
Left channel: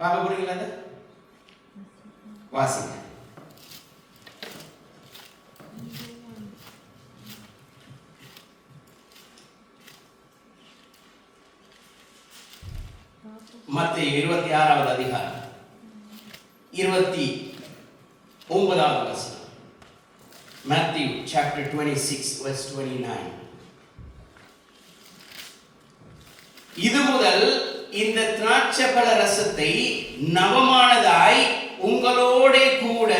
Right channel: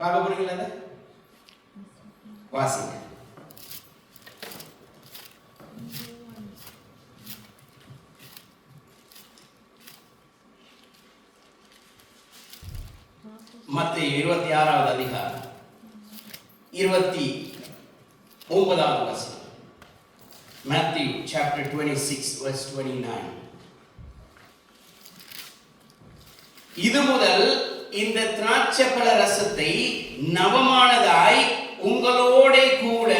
பார்க்க போறீங்களா? வாசிங்க. மத்தேயு 26வது அதிகாரம் 29வது வசனம். Matthew chapter 26 verse 29. இது முதல் இந்த திராட்சைப்பழ ரசத்தை நவமானதாய் உங்களோட கூட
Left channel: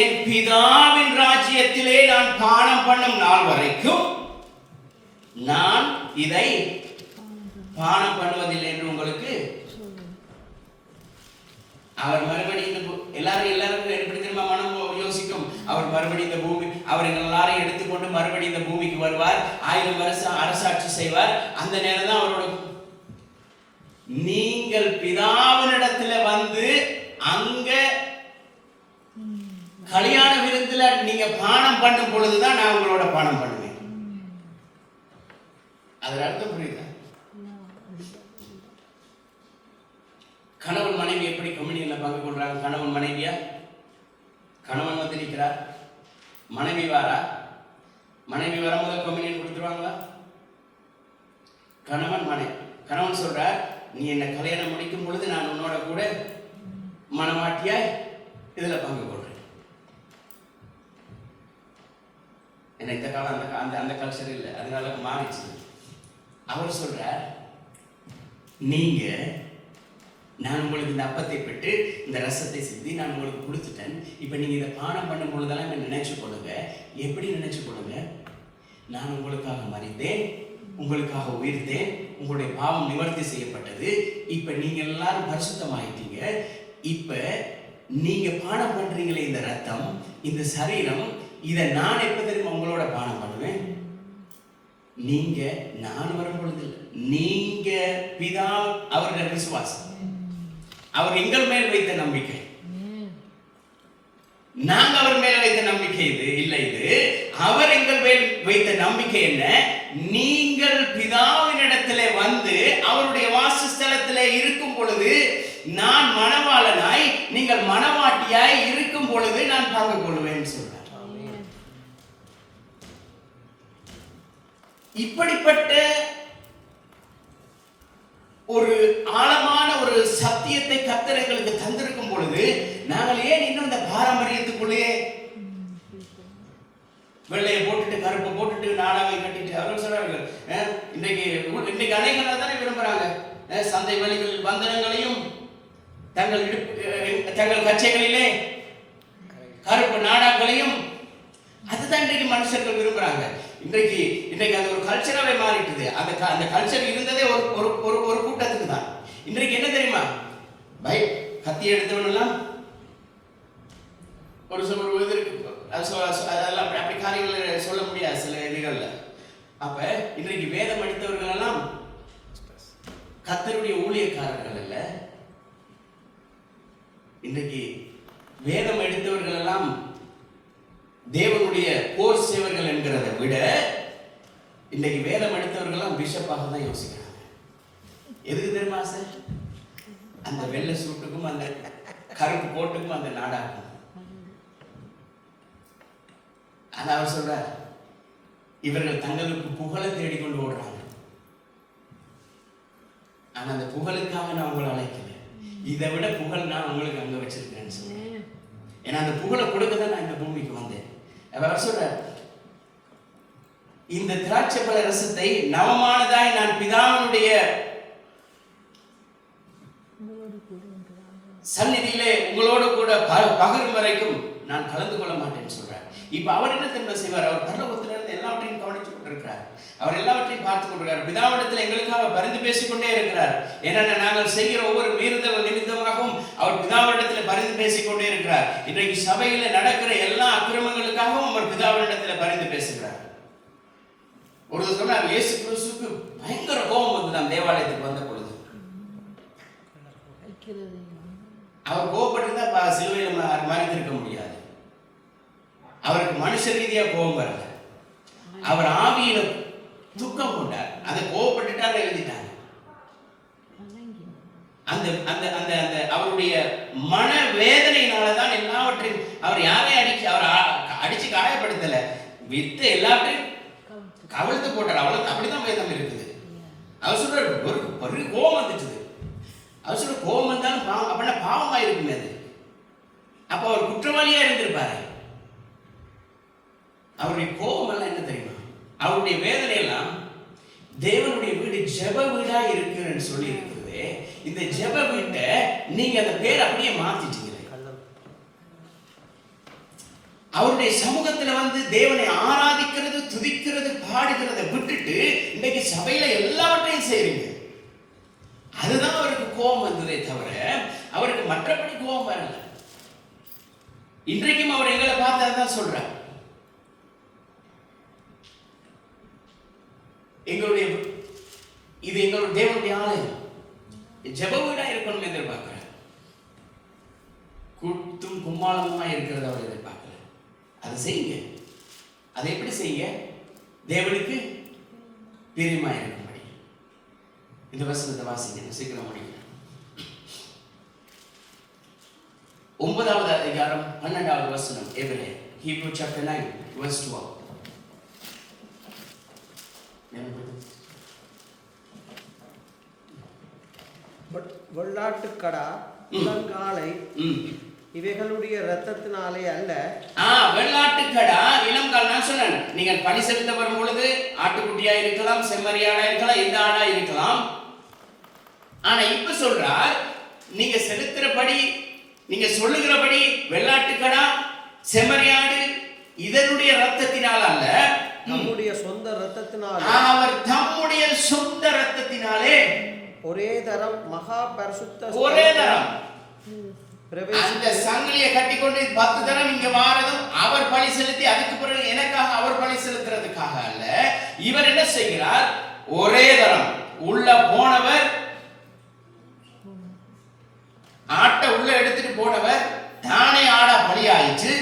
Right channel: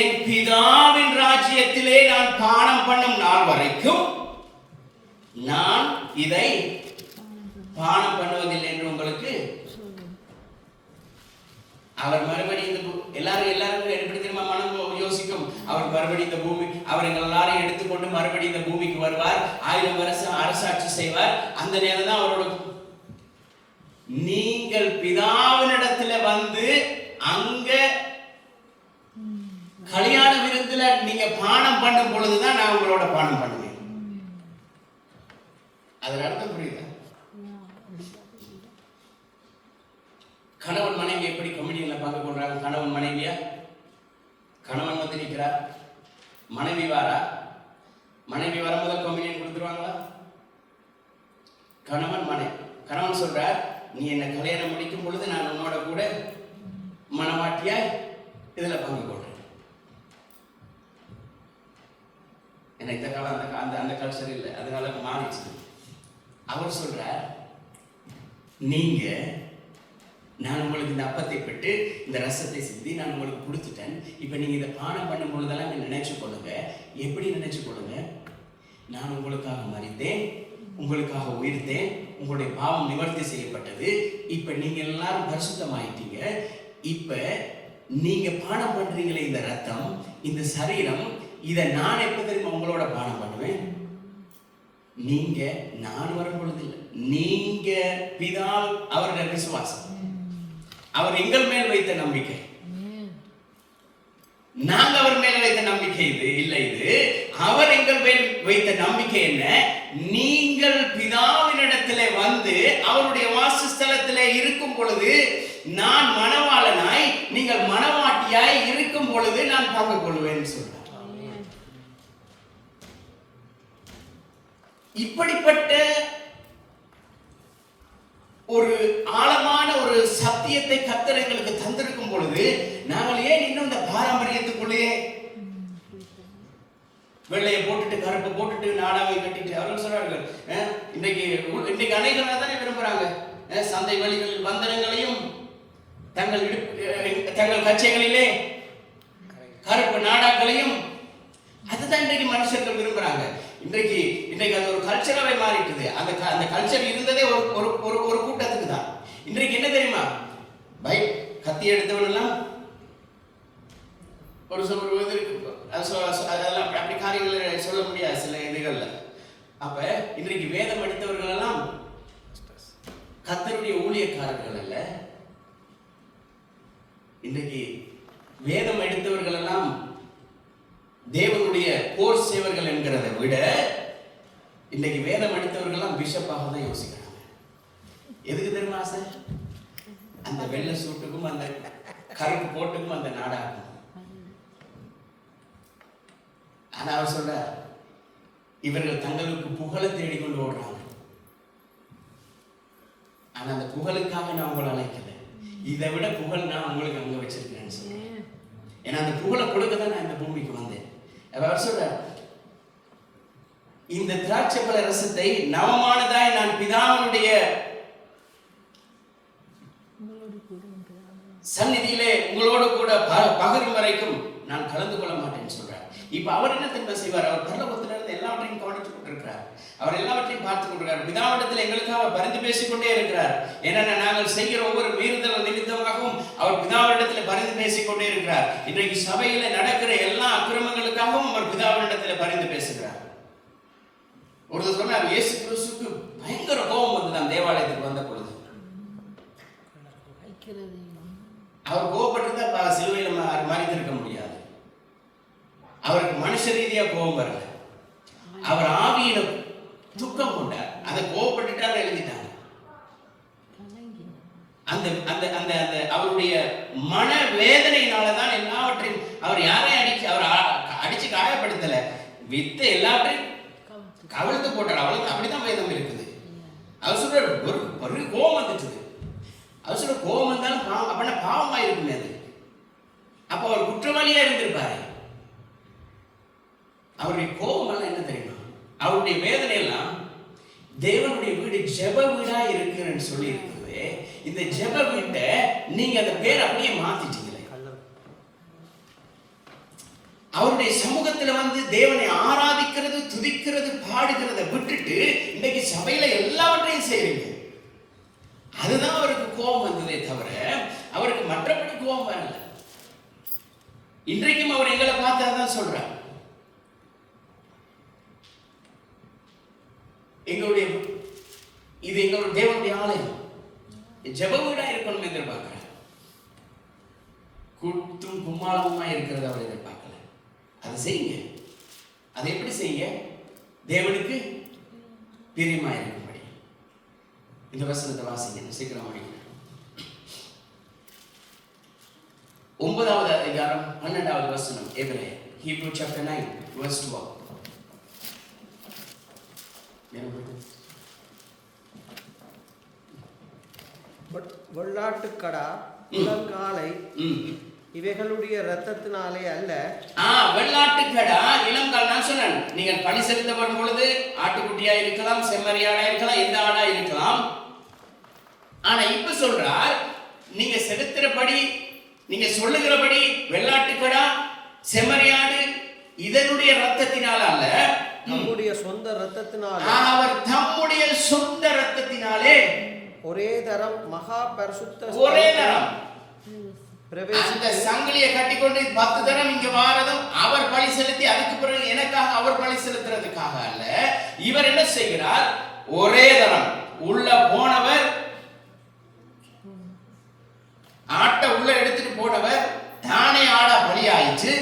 என் பிதாவின் ராஜ்யத்திலே நான் பானம் பண்ணும் நாள் வரைக்கும் நான் இதை பானம் பண்ணுவதில்லை என்று உங்களுக்கு. அவர் மறுபடியும் எல்லாரும் எப்படி தெரியுமா மனம் யோசிக்கும்? அவர் மறுபடியும் இந்த பூமிக்கு அவர் எங்கள் எல்லாரையும் எடுத்துக்கொண்டு மறுபடியும் இந்த பூமிக்கு வருவார். 1000 வருஷம் அரசாட்சி செய்வார். அந்த நேரம் தான் அவரோட நீங்கள் பிதாவினிடத்துல வந்து அங்க கல்யாண விருந்துல நீங்க பானம் பண்ணும் பொழுதுதான் நான் உங்களோட பானம் பண்ணுவேன். அதனால தான் புரியுதா? கணவன் மனைவி எப்படி கம்யூனியன்ல பங்கு கொள்றாங்க? கணவன் மனைவியா? கணவன் வந்து நிற்கிறார், மனைவி வாரா, மனைவி வரும்போது கம்யூனியன் கொடுத்துருவாங்களா? கணவன் சொல்றார், நீ என்ன கல்யாணம் முடிக்கும் பொழுது நான் உன்னோட கூட மனமாட்டியா இதுல பங்கு கொள்றேன். என்ன இந்த காலம் அந்த கல்ச்சர் இல்லை, அதனால மாறிச்சு. அவர் சொல்றார், நீங்க நான் உங்களுக்கு இந்த அப்பத்தை பெற்று இந்த ரசத்தை சிந்தி நான் உங்களுக்கு கொடுத்துட்டேன். இப்ப நீங்க இதை பானம் பண்ணும் பொழுதெல்லாம் நினைச்சு கொள்ளுங்க. எப்படி நினைச்சு கொள்ளுங்க? நான் உங்களுக்காக மரித்தேன், உங்களுக்காக உயிர்த்தேன், உங்களுடைய பாவம் நிவர்த்தி செய்யப்பட்டது. இப்ப நீங்க எல்லாரும் பரிசுத்தமாயிட்டீங்க. இப்ப நீங்க பானம் பண்றீங்களே இந்த ரத்தம், இந்த சரீரம், இதை நான் எப்ப தெரியுமா உங்களோட பானம் பண்ணுவேன்? நீங்க நான் வரும் பொழுது நீங்க பிதா அவருடைய விசுவாசம், அவர் எங்கள் மேல் வைத்த நம்பிக்கை, நாங்க அவர் மேல வைத்த நம்பிக்கை இது இல்லை. இது அவர் எங்கள் மேல் வைத்த நம்பிக்கை என்ன? நீங்கள் பிதாவினிடத்திலே வந்து அவருடைய வாசஸ்தலத்திலே இருக்கும் பொழுது நான் மணவாளனாய் நீங்கள் மணவாட்டியாய் இருக்கும் பொழுது நான் பங்கு கொள்வேன் சொல்றார். இப்படிப்பட்ட ஒரு ஆழமான ஒரு சத்தியத்தை கர்த்தர் எங்களுக்கு தந்திருக்கும் பொழுது நாங்கள் ஏன் இன்னும் இந்த பாரம்பரியத்துக்குள்ளேயே வெள்ளையை போட்டுட்டு கருப்பை போட்டுட்டு நாடாவை கட்டிட்டு அவர்கள் சொல்றார்கள் இன்னைக்கு அனைகள் தானே விரும்புறாங்க சந்தை வழிகள் வந்தனங்களையும் தங்கள் கச்சைகளிலே கருப்பு நாடாக்களையும் அதுதான் இன்றைக்கு மனுஷர்கள் விரும்புறாங்க. இன்றைக்கு அது ஒரு கல்ச்சராகவே மாறிட்டுது. அந்த கல்ச்சர் இருந்ததே ஒரு கூட்டத்துக்கு தான். இன்றைக்கு என்ன தெரியுமா, கத்தி எடுத்தவனெல்லாம் அதெல்லாம் அப்படி காரியங்களை சொல்ல முடியாது சில இதுகள்ல. அப்ப இன்றைக்கு வேதம் எடுத்தவர்கள் எல்லாம் கர்த்தருடைய ஊழியக்காரர்கள் அல்ல. இன்றைக்கு வேதம் எடுத்தவர்கள் எல்லாம் தேவனுடைய போர் சேவர்கள் என்கிறதை விட இன்னைக்கு வேதம் எடுத்தவர்கள் எல்லாம் பிஷப்பாக தான் யோசிக்கிறாங்க. எதுக்கு தெரியுமா சார்? அந்த வெள்ளை சூட்டுக்கும் அந்த கருப்பு கோட்டுக்கும் அந்த நாடாகும். ஆனா அவர் சொல்ற, இவர்கள் தங்களுக்கு புகழை தேடிக்கொண்டு ஓடுறாங்க. ஆனா அந்த புகழுக்காக நான் உங்களை அழைக்கல, இதை விட புகழ் நான் உங்களுக்கு அங்க வச்சிருக்கேன்னு சொன்னேன். ஏன்னா அந்த புகழை கொடுக்கதான் நான் இந்த பூமிக்கு வந்தேன். அவர் சொல்ற, இந்த திராட்சை பழ ரசத்தை நவமானதாய் நான் பிதாவுடைய சந்நிதியிலே உங்களோட கூட பகல் வரைக்கும் நான் கலந்து கொள்ள மாட்டேன்னு சொல்றார். இப்ப அவர் என்ன தெரியுமா செய்வார்? அவர் பரலோகத்திலிருந்து எல்லாவற்றையும் கவனித்துக் கொண்டிருக்கிறார். அவர் எல்லாவற்றையும் பார்த்துக் கொண்டிருக்கிறார். பிதாவிடத்தில் எங்களுக்காக பரிந்து பேசிக்கொண்டே இருக்கிறார். ஏன்னா நாங்கள் செய்கிற ஒவ்வொரு மீறுதல் நிமித்தமாகவும் அவர் பிதாவிடத்தில் பரிந்து பேசிக்கொண்டே இருக்கிறார். இன்றைக்கு சபையில நடக்கிற எல்லா அக்கிரமங்களுக்காகவும் அவர் பிதாவிடத்தில் பரிந்து பேசுகிறார். ஒரு சொன்னார், இயேசு கிறிஸ்துவுக்கு பயங்கர கோபம் வந்துதான் தேவாலயத்துக்கு வந்த பொழுது. அவர் கோபப்பட்டிருந்தா சிலுவையில் மறைந்திருக்க முடியாது. அவருக்கு மனுஷ ரீதியா கோபம் வரல, அவர் ஆவியில துக்கம் கொண்டார். அதை கோபப்பட்டுட்டார் எழுதிட்டாங்க. அந்த அந்த அந்த அந்த அவருடைய மன வேதனையினாலதான் எல்லாவற்றையும் அவர் யாரையும் அடிச்சு காயப்படுத்தல, வித்த எல்லாவற்றையும் கவிழ்த்து போட்டார். அவ்வளவு அப்படிதான் வேதம் இருக்குது. அவர் சொல்ற ஒரு கோபம் வந்துச்சு. அவர் சொல்ற கோபம் வந்தாலும் அப்படின்னா பாவமா இருக்குமே அது. அப்ப அவர் குற்றவாளியா இருந்திருப்பாரு. அவருடைய கோபம் எல்லாம் என்ன தெரியுமா? அவருடைய வேதனை எல்லாம் தேவனுடைய வீடு ஜெப வீடா இருக்குன்னு சொல்லி இருக்குது. இந்த ஜெப வீட்டை நீங்க அந்த பேர் அப்படியே மாத்திட்டீங்களே. அவருடைய சமூகத்துல வந்து தேவனை ஆராதிக்கிறது, துதிக்கிறது, பாடுகிறத விட்டுட்டு இன்னைக்கு சபையில எல்லாவற்றையும் செய்றீங்க. அதுதான் அவருக்கு கோபம் வந்ததே தவிர அவருக்கு மற்றபடி கோபம் வரல. இன்றைக்கும் அவர் எங்களை பார்த்ததான் சொல்றார். இது எங்களுடைய தேவனுடைய ஆலயம், ஜெப வீடா இருக்கணும் எதிர்பார்க்கிறார். கூட்டும் கும்மாளமா இருக்கிறத அவர் எதிர்பார்க்கல. அதை செய்யுங்க. அதை எப்படி செய்யுங்க? தேவனுக்கு பிரியமா இருக்கும்படி. இந்த வசனத்தை வாசிங்க, சீக்கிரம் முடிங்க. 9வது அதிகாரம் 12வது வசனம், எபிரேயர், Hebrew chapter 9 verse 12. வெள்ளாட்டுக்கடா, இளங்காளை இவைகளுடைய இரத்தத்தினாலே அல்ல. வெள்ளாட்டுக்கடா, இளங்கால். நான் சொன்னேன், நீங்கள் பணி செலுத்த வரும் பொழுது ஆட்டுக்குட்டியா இருக்கலாம், செம்மறியாடா இருக்கலாம், எந்த ஆடா இருக்கலாம். ஆனா இப்ப சொல்றார், நீங்க செலுத்துறபடி, நீங்க சொல்லுகிறபடி வெள்ளாட்டுக்கடா, செம்மறியாடு இதனுடைய இரத்தத்தினால் அல்ல, நம்முடைய சொந்த இரத்தத்தினாலே. அவர் தம்முடைய சொந்த இரத்தத்தினாலே ஒரே தரம் மகா பரிசுத்த, ஒரே தரம் அந்த சங்கிலியை கட்டிக்கொண்டு 10 தரம் இங்க வாரதும் அவர் பலி செலுத்தி, அதுக்கு பிறகு எனக்காக அவர் பலி செலுத்துறதுக்காக அல்ல. இவர் என்ன செய்கிறார்? ஒரே தரம் உள்ள போனவர், ஆட்டை உள்ள எடுத்துட்டு போனவர் தானே ஆடா பலியாயிச்சு,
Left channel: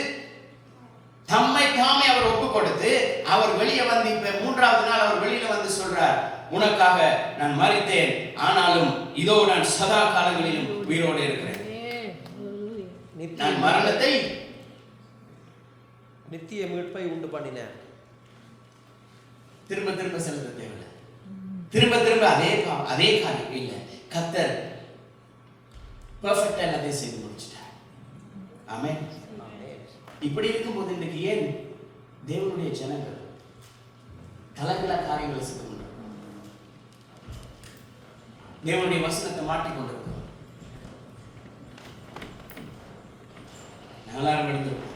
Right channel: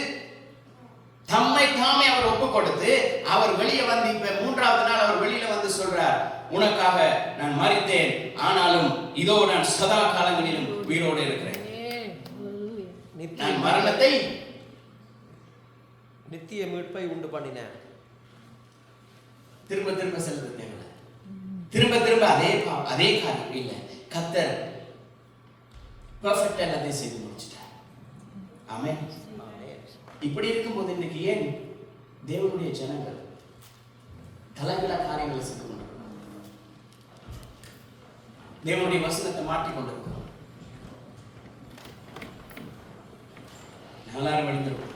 தம்மை தாமே அவர் ஒப்பு கொடுத்து அவர் வெளியே வந்து இப்ப 3வது நாள் அவர் வெளியில வந்து சொல்றார், உனக்காக நான் மரித்தேன், ஆனாலும் இதோ நான் சதா காலங்களிலும் உயிரோடு இருக்கிறேன். நான் மரணத்தை நித்திய மீட்பை உண்டு பண்ணினேன். திரும்ப திரும்ப செலுத்த தேவையில்லை. திரும்ப திரும்ப அதே காரியம் இல்லை. கர்த்தர் பெர்ஃபெக்ட்டா எல்லாத்தையும் செய்து முடிச்சிட்டார். ஆமென். இப்படி இருக்கும்போது இன்னைக்கு ஏன் தேவனுடைய ஜனங்கள் கலகல காரியங்களை செய்து தேவனுடைய வசனத்தை மாற்றிக்கொண்டிருக்கிறோம்? எல்லாரும் எழுந்திருக்கோம்.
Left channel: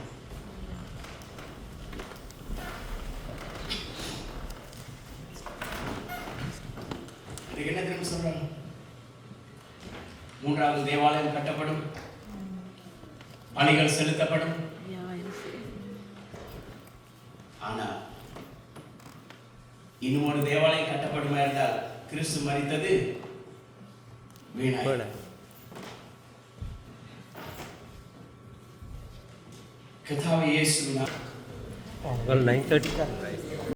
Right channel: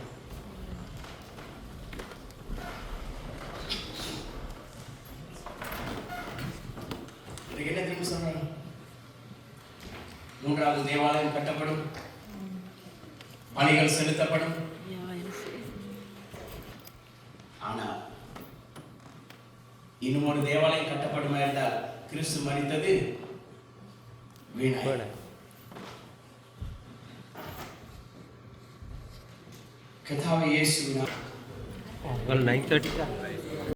என்ன தெரியும் சொல்றாங்க? 3வது தேவாலயம் கட்டப்படும், பலிகள் செலுத்தப்படும். ஆனா இன்னும் ஒரு தேவாலயம் கட்டப்படுமா என்றால் கிறிஸ்து மரித்தது வீணாய். கர்த்தாவே இயேசுவின் 9:30